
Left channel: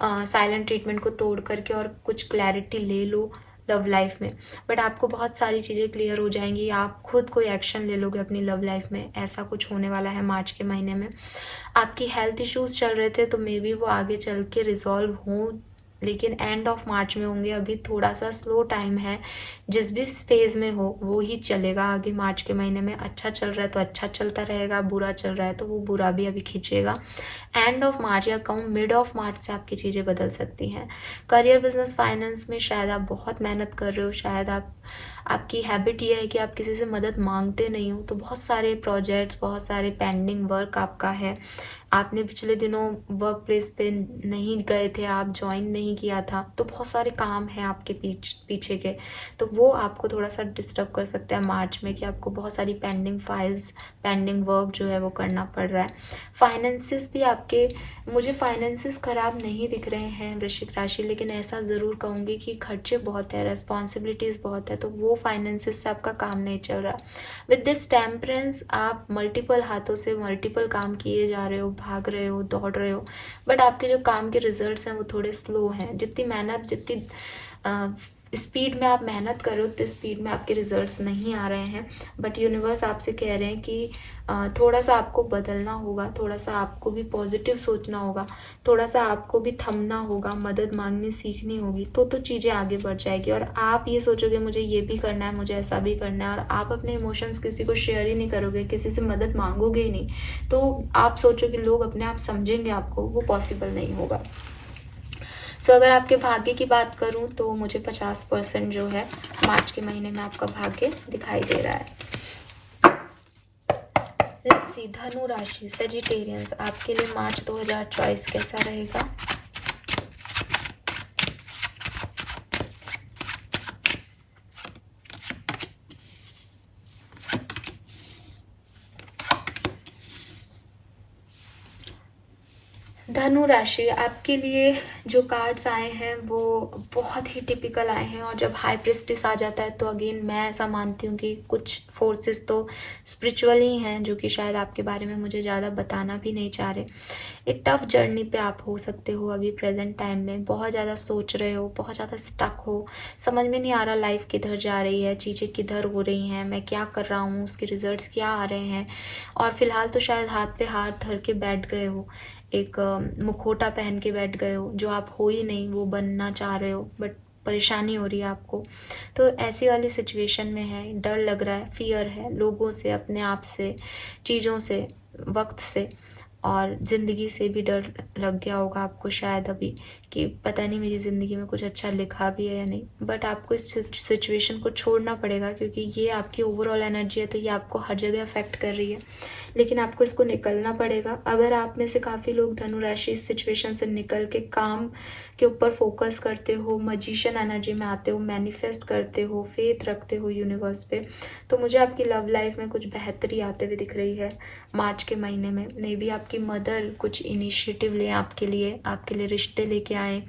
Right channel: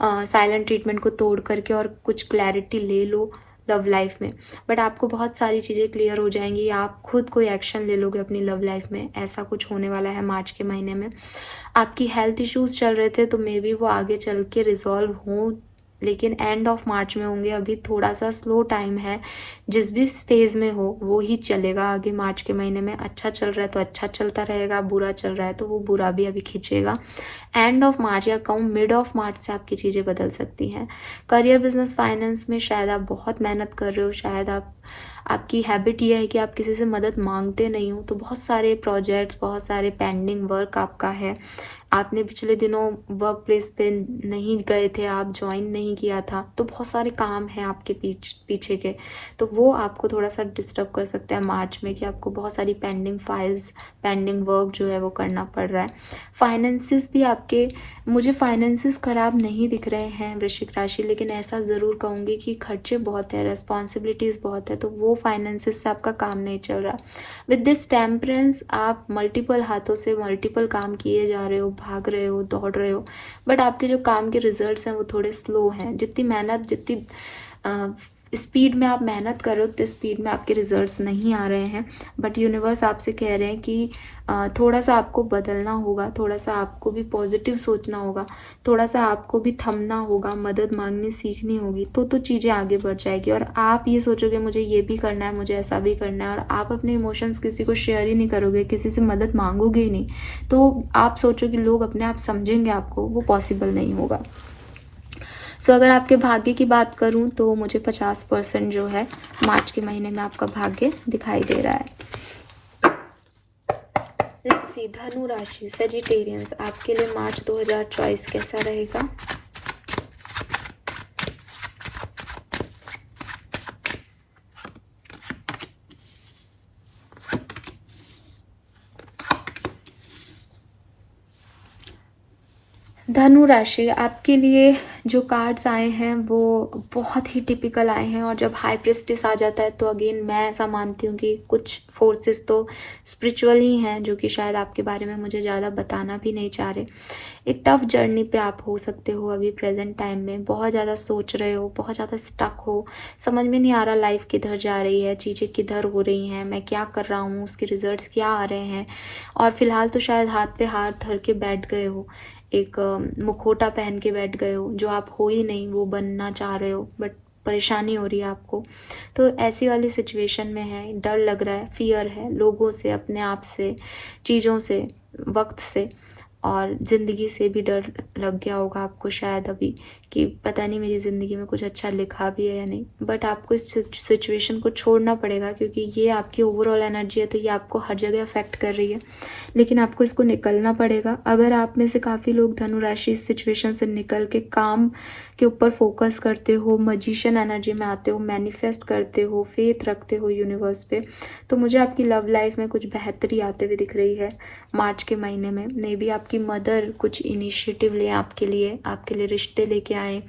साइलेंट ट्रीटमेंट को तोड़ करके और कुछ क्लैरिटी ले लो लव लाइफ में। बट आपको बहुत सारी चीज़ें क्लियर हो जाएंगी, या आप खुद कोई एक्शन ले लोगे अपनी लव लाइफ में। ऐसा कुछ होने वाला है मार्च के महीने में। आपकी हेल्थ इश्यूज चल रहे थे तो मे बी वो आगे चल के रिजॉल्व हों, लेकिन एंड ऑफ मार्च में होंगे। अभी थोड़ा सा स्लो टाइम है। जिस भी फेज में हो वो ही चलेगा आगे मार्च के महीने में। अच्छा चल रहा है तो अच्छा चलता रहेगा, बुरा चल रहा है तो वो बुरा भी अभी खींचेगा। एंड ऑफ मार्च या कहूँ मिड ऑफ मार्च से आपकी चीज़ें बदल सकती हैं। करियर, बिजनेस, फाइनेंस में शायद आप बहुत मेहनत कर रहे हो। शायद आपकी हैबिट ये है कि आप किसी से मदद मांगते नहीं हो, तो बहुत सारे प्रोजेक्ट्स, बहुत सारे पेंडिंग वर्क आपका है। आपने पिछले दिनों वर्क प्लेस पे नहीं गए थे, आप ज्वाइन नहीं किया था, तो बहुत सारे काम हैं आपके पीछे के, तो वो आपको थोड़ा सा डिस्टर्ब कर सकते हैं मार्च में, कि आपको बहुत सारी पेंडिंग फाइल्स, पेंडिंग वर्क जो है वो करना पड़ रहा है। फाइनेंसिस भी आपके, मुझे फाइनेंसिस खराब नहीं दिख रहे हैं वृश्चिक राशि, लेकिन ऐसा ज़रूर कहूँगी कि खर्चे बहुत है, रिस्पॉन्सिबिलिटीज़ बहुत है, तो वो फाइनेंसिस से आपका काम नहीं चल रहा। विद दिस टेम्परेंस आप मल्टीपल हाथों से मल्टीपल काम किए जा रहे हो, भाग रहे हो, दौड़ रहे हो, बट आपके जो काम के रिजल्ट्स हैं वो थोड़े स्लो हैं। जितनी मेहनत, जितनी स्पीड में आप मेहनत कर रहे हो उतनी स्पीड में आपके रिजल्ट्स नहीं आ रहे हैं। बट यूनिवर्स आपसे कह रहे हैं कि थोड़ा सा आपको बदलना होगा, थोड़ा सा आपको भी पॉजिटिव सोचना होगा, थोड़ा सा आपको भी थमना होगा, मदद मांगनी सीखनी होगी, तो चीज़ें आगे बढ़ जाएगी। और आप ये सोचोगे मुझे ये भी करना है, मुझे ऐसा भी करना है, और आप अपने इमोशंस किसी को शेयर ही नहीं करोगे, किसी से मदद मांगोगे ही नहीं, तो आप सोचोगे लोग अपने आप समझेंगे आपको, वो पॉसिबल नहीं होगा। सो अगर आपके भाग्य की बात करूं तो मुझे 50% जो है मार्च के महीने में आपका भाग्य दिखाई दे रहा है। लेट्स सी धनु राशि सेजिटेरियंस, आपके लिए मार्च 2024 कैसा रहेगा? धनु राशि, आपके लिए जो कार्ड्स आए हैं वो बहुत ही टिपिकल आए हैं, और जब हाई प्रेस्टिस आ जाता है तो अगेन मैं ऐसा मानती हूँ कि कुछ फोर्सेस तो स्पिरिचुअल ही हैं, जो कि शायद आपके बारे में मुझे ज़्यादा बताना भी नहीं चाह रहे। एक टफ जर्नी पे आप हो सकते हो अभी प्रेजेंट टाइम में, बहुत ज़्यादा सोच रहे हो, बहुत ज़्यादा स्टक हो, समझ में नहीं आ रहा लाइफ किधर जा रही है, चीज़ें किधर हो रही हैं, मैं क्या कर रहा हूँ, उसके रिजल्ट्स क्या आ रहे हैं। और फिलहाल तो शायद हाथ पे हाथ धर के बैठ गए हो, एक मुखौटा पहन के बैठ गए हो, जो आप हो ही नहीं वो बनना चाह रहे हो, बट परेशानी हो रही है आपको। तो ऐसी वाली सिचुएशन में है, डर लग रहा है, फियर है लोगों से, अपने आप से, चीज़ों से, वक्त से, और ज़िंदगी से भी डर लग गया होगा आपको शायद अभी कि पता नहीं मेरी ज़िंदगी में कुछ अच्छा लिखा भी है या नहीं। बट आपको इस सिचुएशन को छोड़ना पड़ेगा, क्योंकि ये आपकी ओवरऑल एनर्जी है, तो ये आपको हर जगह अफेक्ट कर रही है, लेकिन आपको इसको निकलना पड़ेगा। अगर आप में से काफ़ी लोग धनु राशि इस सिचुएशन से निकल के काम के ऊपर फोकस करते हो, मजिशियन एनर्जी में आते हो, मैनिफेस्ट करते हो, फेथ रखते हो यूनिवर्स पे, तो मुझे आपकी लव लाइफ में कुछ बेहतरी आते हुए दिख रही है मार्च के महीने में। मे बी आपकी मदर कुछ इनिशिएटिव लें आपके लिए रिश्ते लेके आए,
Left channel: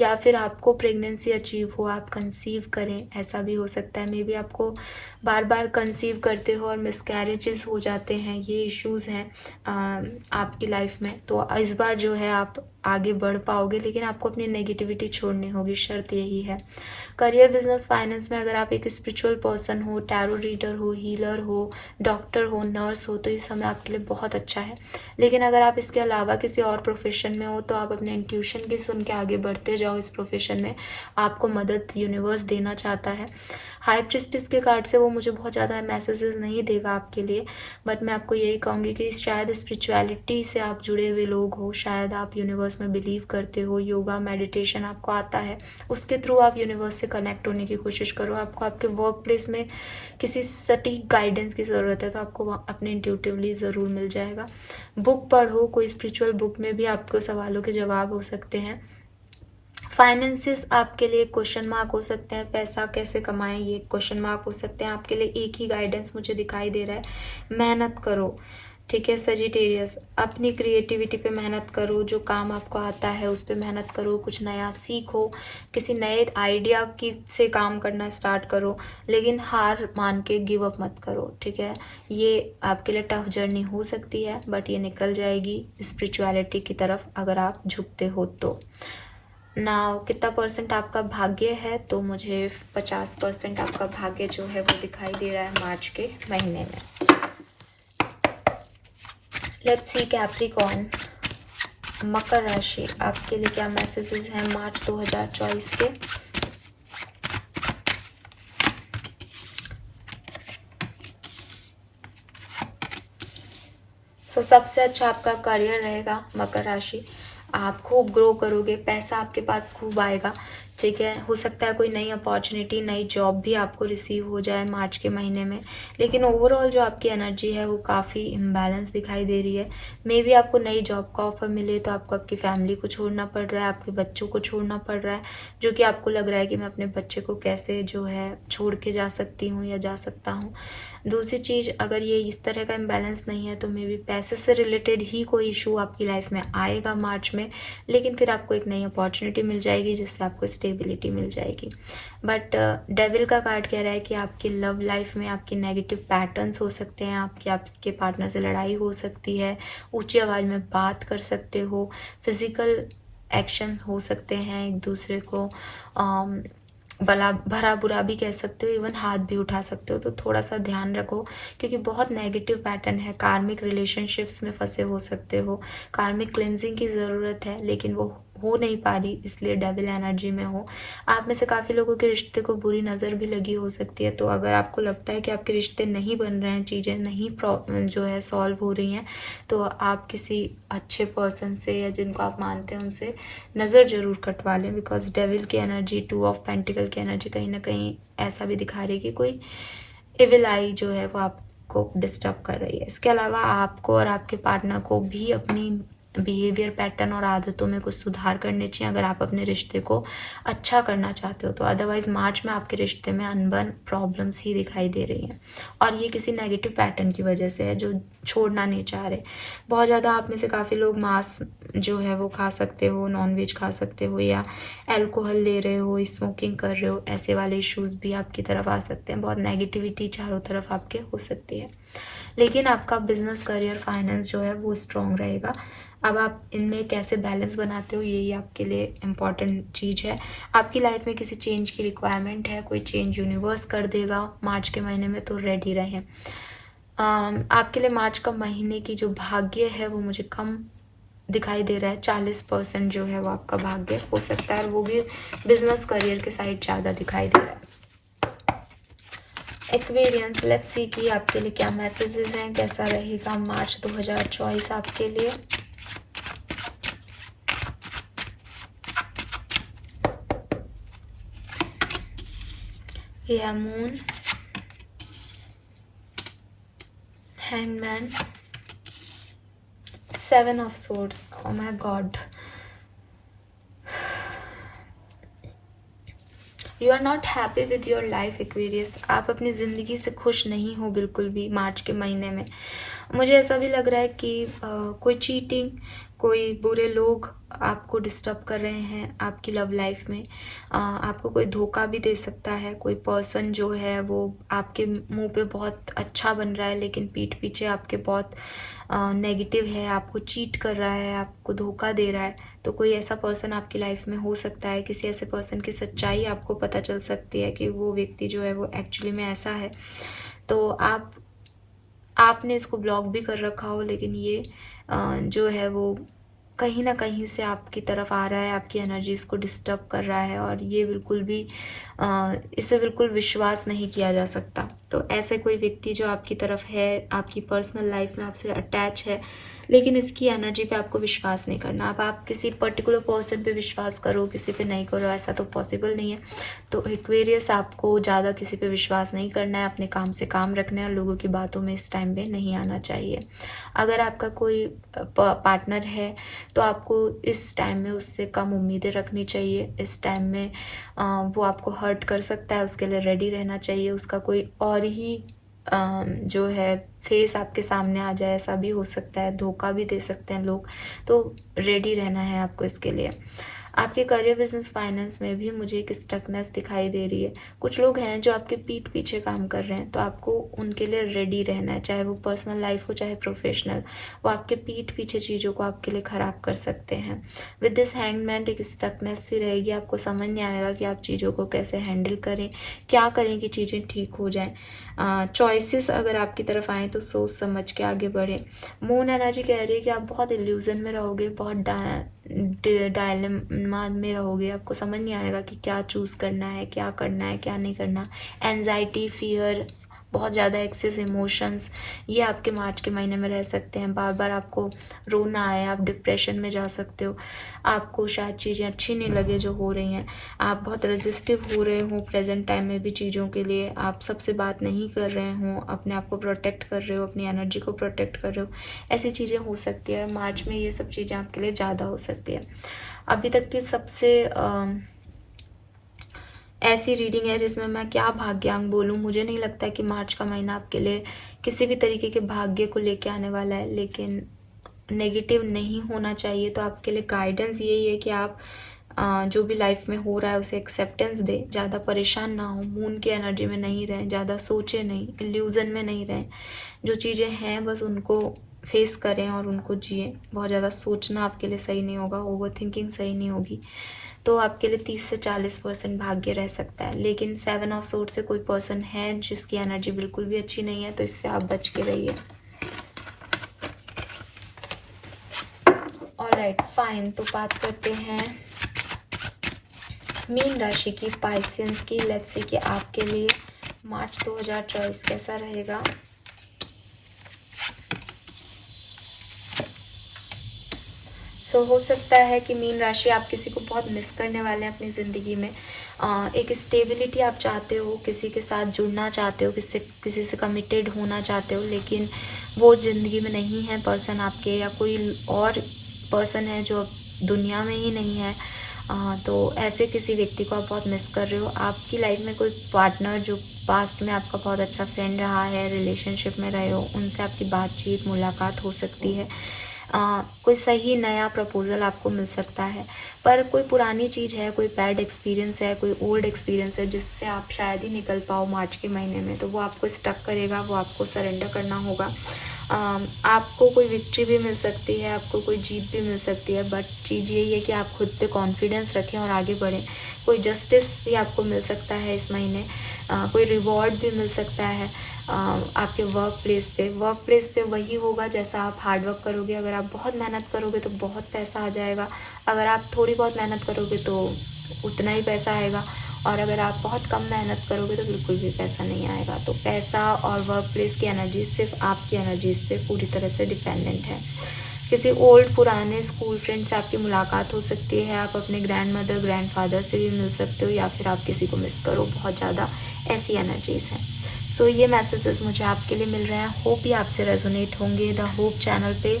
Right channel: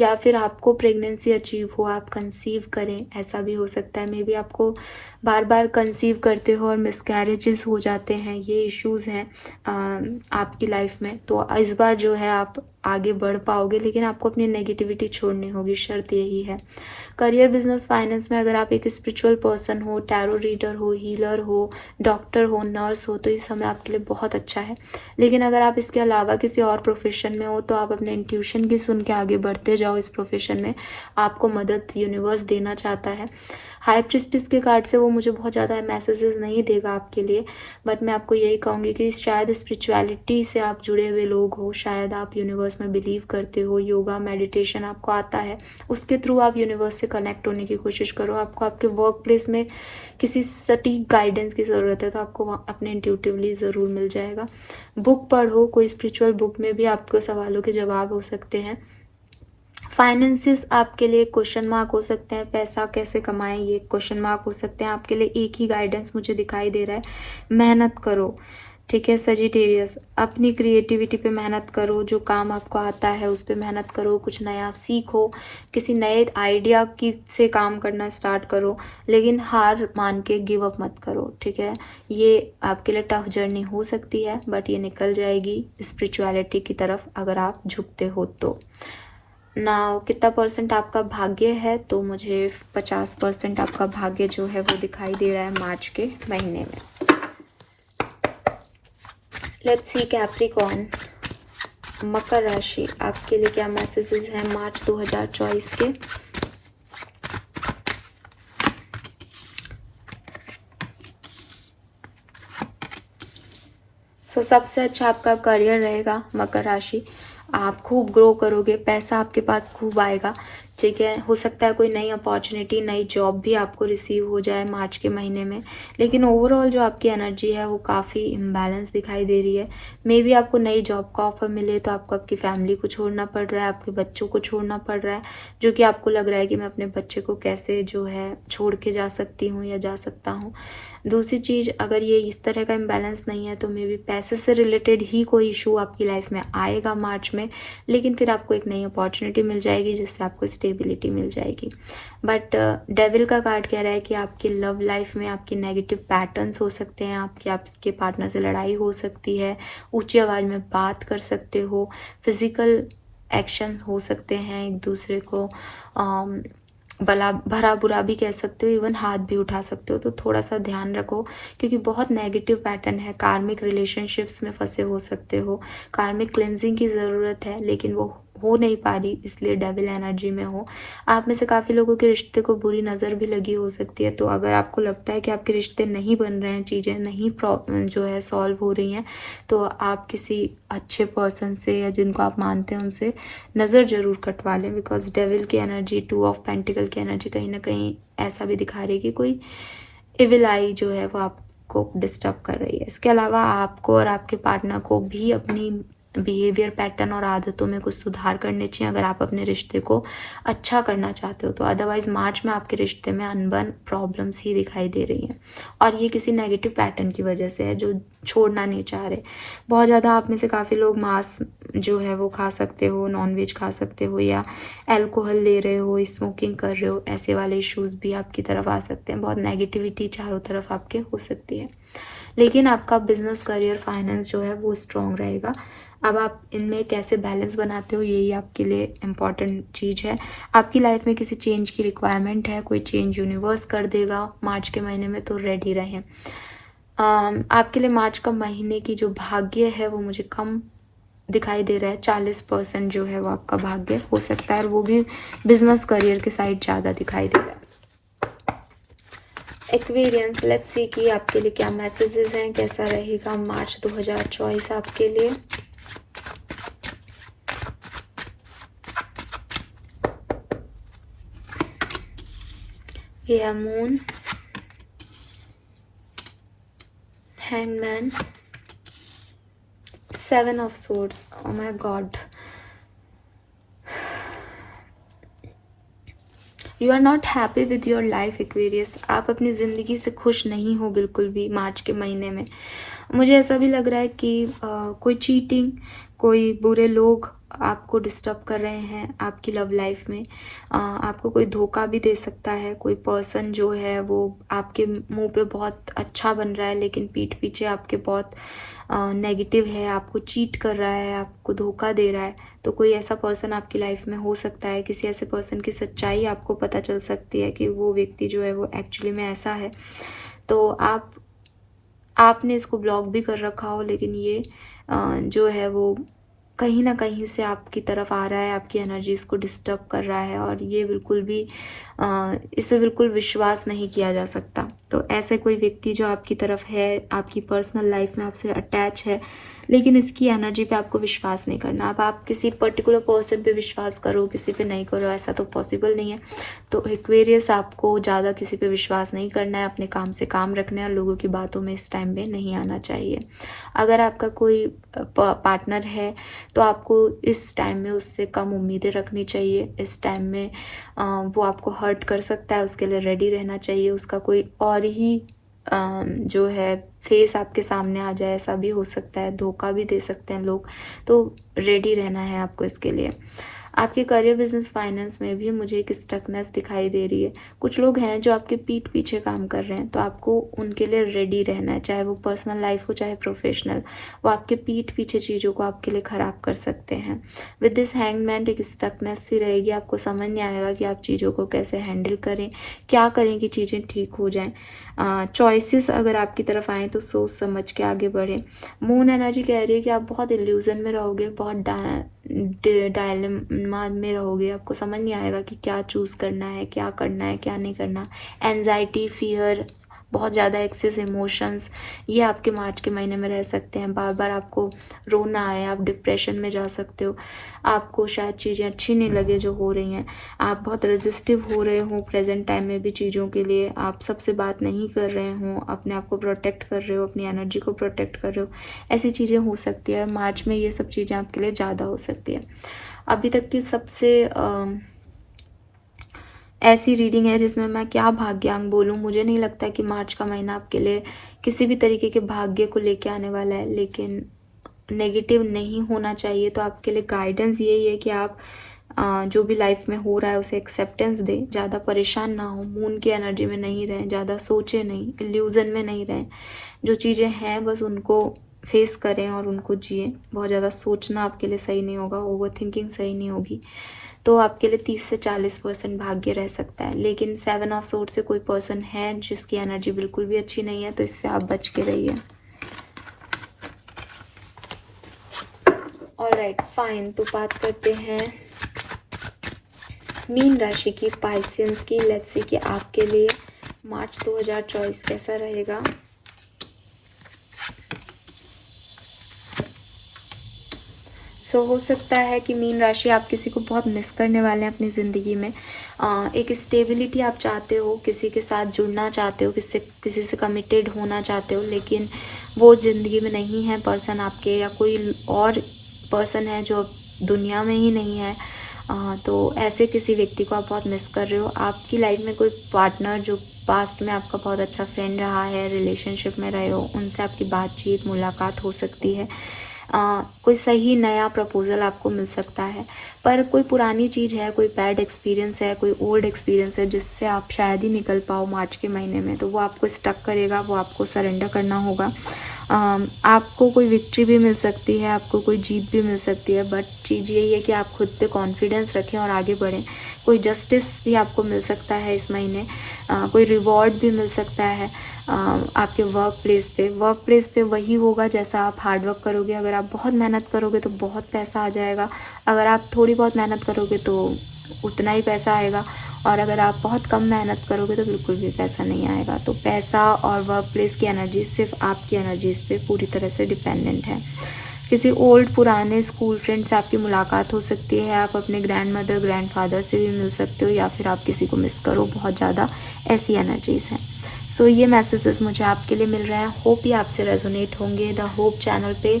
या फिर आपको प्रेगनेंसी अचीव हो, आप कंसीव करें, ऐसा भी हो सकता है। मे बी आपको बार बार कंसीव करते हो और मिसकैरेजेस हो जाते हैं, ये इश्यूज़ हैं आपकी लाइफ में। तो इस बार जो है आप आगे बढ़ पाओगे, लेकिन आपको अपनी नेगेटिविटी छोड़नी होगी, शर्त यही है। करियर, बिजनेस, फाइनेंस में अगर आप एक स्पिरिचुअल पर्सन हो, टैरो रीडर हो, हीलर हो, डॉक्टर हो, नर्स हो, तो इस समय आपके लिए बहुत अच्छा है। लेकिन अगर आप इसके अलावा किसी और प्रोफेशन में हो, तो आप अपने इंट्यूशन की सुन के आगे बढ़ते जाओ इस प्रोफेशन में, आपको मदद यूनिवर्स देना चाहता है। हाई प्रिस्टिस के कार्ड से वो मुझे बहुत ज़्यादा मैसेजेस नहीं देगा आपके लिए, बट मैं आपको यही कहूँगी कि शायद स्पिरिचुअलिटी से आप जुड़े हुए लोग हो, शायद आप यूनिवर्स में बिलीव करते हो, योगा मेडिटेशन आपको आता है, उसके थ्रू आप यूनिवर्स से कनेक्ट होने की कोशिश करो। आपको आपके वर्क प्लेस में किसी सटीक गाइडेंस की ज़रूरत है, तो आपको अपने इंट्यूटिवली ज़रूर मिल जाएगा। बुक पढ़ो, कोई स्पिरिचुअल बुक में भी आपको सवालों के जवाब हो सकते हैं। फाइनेंसिस आपके लिए क्वेश्चन मार्क हो सकते हैं, पैसा कैसे कमाएं ये क्वेश्चन मार्क हो सकते हैं। आपके लिए एक ही गाइडेंस मुझे दिखाई दे रहा है, मेहनत करो, ठीक है सजिटेरियस, अपनी क्रिएटिविटी पे मेहनत करो, जो काम आपको आता है उस पर मेहनत करो, कुछ नया सीखो, किसी नए आइडिया की से काम करना स्टार्ट करो, लेकिन हार मान के गिव अप मत करो, ठीक है। ये आपके लिए टफ जर्नी हो सकती है, बट ये निकल जाएगी स्पिरिचुअलिटी की तरफ अगर आप झुकते हो तो। ना कितना परसेंट आपका भाग्य है, तो मुझे 50% आपका भाग्य जो है वो दिखाई दे रहा है मार्च के महीने में। लेट्स सी कैप्रिकॉर्न, मकर राशि, आपके लिए क्या मैसेजेस हैं मार्च 2024 के? तो सबसे अच्छा आपका करियर रहेगा मकर राशि, आप खूब ग्रो करोगे, पैसा आपके पास खूब आएगा, ठीक है। हो सकता है कोई नई अपॉर्चुनिटी, नई जॉब भी आपको रिसीव हो जाए मार्च के महीने में, लेकिन ओवरऑल जो आपकी एनर्जी है वो काफ़ी इम्बैलेंस दिखाई दे रही है। मे बी आपको नई जॉब का ऑफर मिले तो आपको आपकी फैमिली को छोड़ना पड़ रहा है, आपके बच्चों को छोड़ना पड़ रहा है, जो कि आपको लग रहा है कि मैं अपने बच्चे को कैसे जो है छोड़ के जा सकती हूँ या जा सकता हूँ। दूसरी चीज़, अगर ये इस तरह का इम्बैलेंस नहीं है तो मे बी पैसे से रिलेटेड ही कोई इशू आपकी लाइफ में आएगा मार्च में, लेकिन फिर आपको एक नई अपॉर्चुनिटी मिल जाएगी जिससे आपको स्टेबिलिटी मिल जाएगी। बट डेविल का कार्ड कह रहा है कि आपकी लव लाइफ में आपके नेगेटिव पैटर्न्स हो सकते हैं, आपके पार्टनर से लड़ाई हो सकती है, ऊंची आवाज़ में बात कर सकते हो, फिजिकल एक्शन हो सकते हैं, एक दूसरे को भला भरा बुरा भी कह सकते हो, इवन हाथ भी उठा सकते हो, तो थोड़ा सा ध्यान रखो क्योंकि बहुत नेगेटिव पैटर्न है। कार्मिक रिलेशनशिप्स में फंसे हो सकते हो, कार्मिक क्लेंजिंग की ज़रूरत है लेकिन वो हो नहीं पा रही, इसलिए डेविल एनर्जी में हो। आप में से काफ़ी लोगों के रिश्ते को बुरी नज़र भी लगी हो सकती है, तो अगर आपको लगता है कि आपके रिश्ते नहीं बन रहे हैं, चीज़ें नहीं प्रॉब्लम जो है सॉल्व हो रही हैं, तो आप किसी अच्छे पर्सन से या जिनको आप मानते हैं उनसे नज़र ज़रूर कटवा लें, बिकॉज डेविल की एनर्जी, 2 ऑफ पेंटिकल की एनर्जी कहीं ना कहीं ऐसा भी दिखा रही है कि कोई इविल आई जो है वो आप को डिस्टर्ब कर रही है। इसके अलावा आपको और आपके पार्टनर को भी अपनी बिहेवियर पैटर्न और आदतों में कुछ सुधार करने चाहिए अगर आप अपने रिश्ते को अच्छा करना चाहते हो तो। अदरवाइज मार्च में आपके रिश्ते में अनबन प्रॉब्लम्स ही दिखाई दे रही हैं और ये किसी नेगेटिव पैटर्न की वजह से है जो छोड़ना नहीं चाह रहे। बहुत ज़्यादा आप में से काफ़ी लोग मांस जो है वो खा सकते हो, नॉनवेज खा सकते हो, या अल्कोहल ले रहे हो, स्मोकिंग कर रहे हो, ऐसे वाले इश्यूज भी आपकी तरफ आ सकते हैं। बहुत नेगेटिविटी चारों तरफ आपके हो सकती है, लेकिन आपका बिजनेस, करियर, फाइनेंस जो है वो स्ट्रॉन्ग रहेगा। अब आप इनमें कैसे बैलेंस बनाते हो यही आपके लिए इम्पॉर्टेंट चीज़ है। आपकी लाइफ में किसी चेंज की रिक्वायरमेंट है, कोई चेंज यूनिवर्स कर देगा मार्च के महीने में, तो रेडी रहें। आपके लिए मार्च का महीने की जो भाग्य है वो मुझे कम दिखाई दे रहा है। 40% जो है वो आपका भाग्य हो सकता है, और वो भी बिजनेस करियर के साइड ज़्यादा दिखाई दे रहा है। एक्वेरियंस, लेट्स सी कि आपके लिए क्या मैसेजेस हैं, कैसा रहेगा मार्च 2024 आपके लिए। ये moon, hangman, 7 of swords. Oh my God, you are not happy with your life Aquarius. आप अपनी ज़िंदगी से खुश नहीं हो बिल्कुल भी मार्च के महीने में। मुझे ऐसा भी लग रहा है कि कोई चीटिंग, कोई बुरे लोग आपको डिस्टर्ब कर रहे हैं आपकी लव लाइफ में। आपको कोई धोखा भी दे सकता है। कोई पर्सन जो है वो आपके मुंह पे बहुत अच्छा बन रहा है लेकिन पीठ पीछे आपके बहुत नेगेटिव है, आपको चीट कर रहा है, आपको धोखा दे रहा है। तो कोई ऐसा पर्सन आपकी लाइफ में हो सकता है। किसी ऐसे पर्सन की सच्चाई आपको पता चल सकती है कि वो व्यक्ति जो है वो एक्चुअली में ऐसा है। तो आपने इसको ब्लॉक भी कर रखा हो, लेकिन ये जो है वो कहीं ना कहीं से आपकी तरफ आ रहा है, आपकी एनर्जीज को डिस्टर्ब कर रहा है, और ये बिल्कुल भी इस पर बिल्कुल विश्वास नहीं किया जा सकता। तो ऐसे कोई व्यक्ति जो आपकी तरफ है, आपकी पर्सनल लाइफ में आपसे अटैच है, लेकिन इसकी एनर्जी पे आपको विश्वास नहीं करना। अब आप किसी पर्टिकुलर पर्सन पे विश्वास करो, किसी पे नहीं करो, ऐसा तो पॉसिबल नहीं है। तो एक्वेरियस, आपको ज़्यादा किसी पे विश्वास नहीं करना है, अपने काम से काम रखना है और लोगों की बातों में इस टाइम में नहीं आना चाहिए। अगर आपका कोई पार्टनर है तो आपको इस टाइम में उससे कम उम्मीदें रखनी चाहिए। इस टाइम में वो आपको हर्ट कर सकता है, उसके लिए रेडी रहना चाहिए। उसका कोई और ही जो है फेस आपके सामने आ जाए, ऐसा भी हो सकता है। धोखा भी दे सकते हैं लोग, तो रेडी रहना है आपको इसके लिए। आपके करियर, बिजनेस, फाइनेंस में भी मुझे एक स्टकनेस दिखाई दे रही है। कुछ लोग हैं जो आपके पीठ पीछे काम कर रहे हैं, तो आपको उनके लिए रेडी रहना है, चाहे वो पर्सनल लाइफ हो चाहे प्रोफेशनल। वो आपके पीठ पीछे चीज़ों को आपके लिए ख़राब कर सकते हैं। विद दिस हैंगमैन एक स्टकनेस सी रहेगी, आपको समझ नहीं आएगा कि आप चीज़ों को कैसे हैंडल करें, क्या करें कि चीज़ें ठीक हो जाएं। चॉइसेस अगर आपकी तरफ आए तो सोच समझ के आगे बढ़े। मून एनर्जी कह रही है कि आप बहुत इल्यूजन में रहोगे, बहुत डायलेमा में रहोगे। आपको समझ नहीं आएगा कि क्या चूज़ करना है, क्या करना है, क्या नहीं करना। एंजाइटी, फियर, बहुत ज़्यादा एक्सेस इमोशंस, ये आपके मार्च के महीने में रह सकते हैं। बार बार आपको रोना आए, आप डिप्रेशन में जा सकते हो। आपको शायद चीज़ें अच्छी नहीं लगे जो हो रही हैं। आप बहुत रेजिस्टिव हो रहे हो प्रेजेंट टाइम में भी चीज़ों के लिए। आप सबसे बात नहीं कर रहे हो, अपने आप को प्रोटेक्ट कर रहे हो, अपनी एनर्जी को प्रोटेक्ट कर रहे हो। ऐसी चीज़ें हो सकती है, और मार्च में ये सब चीज़ें आपके लिए ज़्यादा हो सकती है। अभी तक की सबसे ऐसी रीडिंग है जिसमें मैं क्या भाग्यांक बोलूँ। मुझे नहीं लगता कि मार्च का महीना आपके लिए किसी भी तरीके के भाग्य को लेके आने वाला है, लेकिन नेगेटिव नहीं होना चाहिए। तो आपके लिए गाइडेंस यही है कि आप जो भी लाइफ में हो रहा है उसे एक्सेप्टेंस दें, ज़्यादा परेशान ना हो, मून की एनर्जी में नहीं रहें, ज़्यादा सोचे नहीं, इल्यूजन में नहीं रहें। जो चीज़ें हैं बस उनको फेस करें और उनको जिए। बहुत ज़्यादा सोचना आपके लिए सही नहीं होगा, ओवर थिंकिंग सही नहीं होगी। तो आपके लिए 30 से 40% भाग्य रह सकता है। लेकिन 7 ऑफ सोर्ड से कोई पर्सन है जिसकी एनर्जी बिल्कुल भी अच्छी नहीं है, तो इससे आप बच के रहिए। Alright, fine. तो बात करते हैं मीन राशि की, पाइसेंस की। लेट्स सी कि आपके लिए मार्च 2024 कैसा रहेगा। सो हो सकता है कि मीन राशि आप किसी को बहुत मिस करने वाले हैं अपनी ज़िंदगी में। एक स्टेबिलिटी आप चाहते हो, किसी के साथ जुड़ना चाहते हो, किसी से कमिटेड होना चाहते हो, लेकिन वो ज़िंदगी में नहीं है पर्सन आपके, या कोई और पर्सन है जो दुनिया में ही नहीं है। तो ऐसे किसी व्यक्ति को आप बहुत मिस कर रहे हो। आपकी लाइफ में कोई पार्टनर जो पास्ट में आपका बहुत अच्छा फ्रेंड रहा है, रिलेशनशिप में रहे हो, उनसे आपकी बातचीत मुलाकात हो सकती है। कोई सही नया प्रपोज़ल आपको मिल सकता है, पर कोई पुरानी चीज़ है, कोई बैड एक्सपीरियंस है, कोई ओल्ड एक्सपीरियंस है जिससे आप शायद ही निकल पाओ मार्च के महीने में, तो वो आपको स्टक करेगा, वो आपको सरेंडर करना होगा। आपको कोई विक्ट्री भी मिल सकती है, आपको कोई जीत भी मिल सकती है, बट चीज़ यही है कि आप खुद पे कॉन्फिडेंस रखें और आगे बढ़ें। कोई जस्टिस भी आपको मिल सकता है इस महीने, कोई रिवॉर्ड भी मिल सकता है आपके वर्क प्लेस पे वही होगा जैसा आप हार्ड वर्क करोगे। अगर आप बहुत मेहनत करोगे तो बहुत पैसा आ जाएगा, अगर आप थोड़ी बहुत मेहनत करोगे तो उतना ही पैसा आएगा, और अगर आप बहुत कम मेहनत करोगे तो बिल्कुल भी पैसा नहीं आएगा। तो पैसा और वर्क प्लेस की एनर्जी सिर्फ आपकी एनर्जीज पे पूरी तरह से डिपेंडेंट है। किसी ओल्ड पुराने स्कूल फ्रेंड से आपकी मुलाकात हो सकती है, आप अपने ग्रैंड मदर ग्रैंड फादर से भी मिल सकते हो, या फिर आप किसी को मिस करो बहुत ज़्यादा, ऐसी एनर्जीज़ हैं। सो ये मैसेजेस मुझे आपके लिए मिल रहा है, होप ये आपसे रेजोनेट होंगे। द होप चैनल पे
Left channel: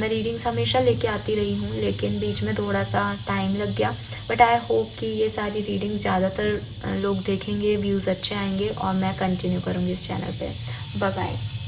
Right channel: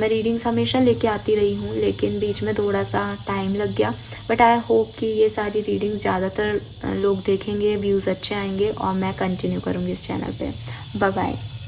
मैं रीडिंग्स हमेशा लेके आती रही हूँ, लेकिन बीच में थोड़ा सा टाइम लग गया, बट आई होप कि ये सारी रीडिंग्स ज़्यादातर लोग देखेंगे, व्यूज़ अच्छे आएंगे और मैं कंटिन्यू करूँगी इस चैनल पे। Bye bye.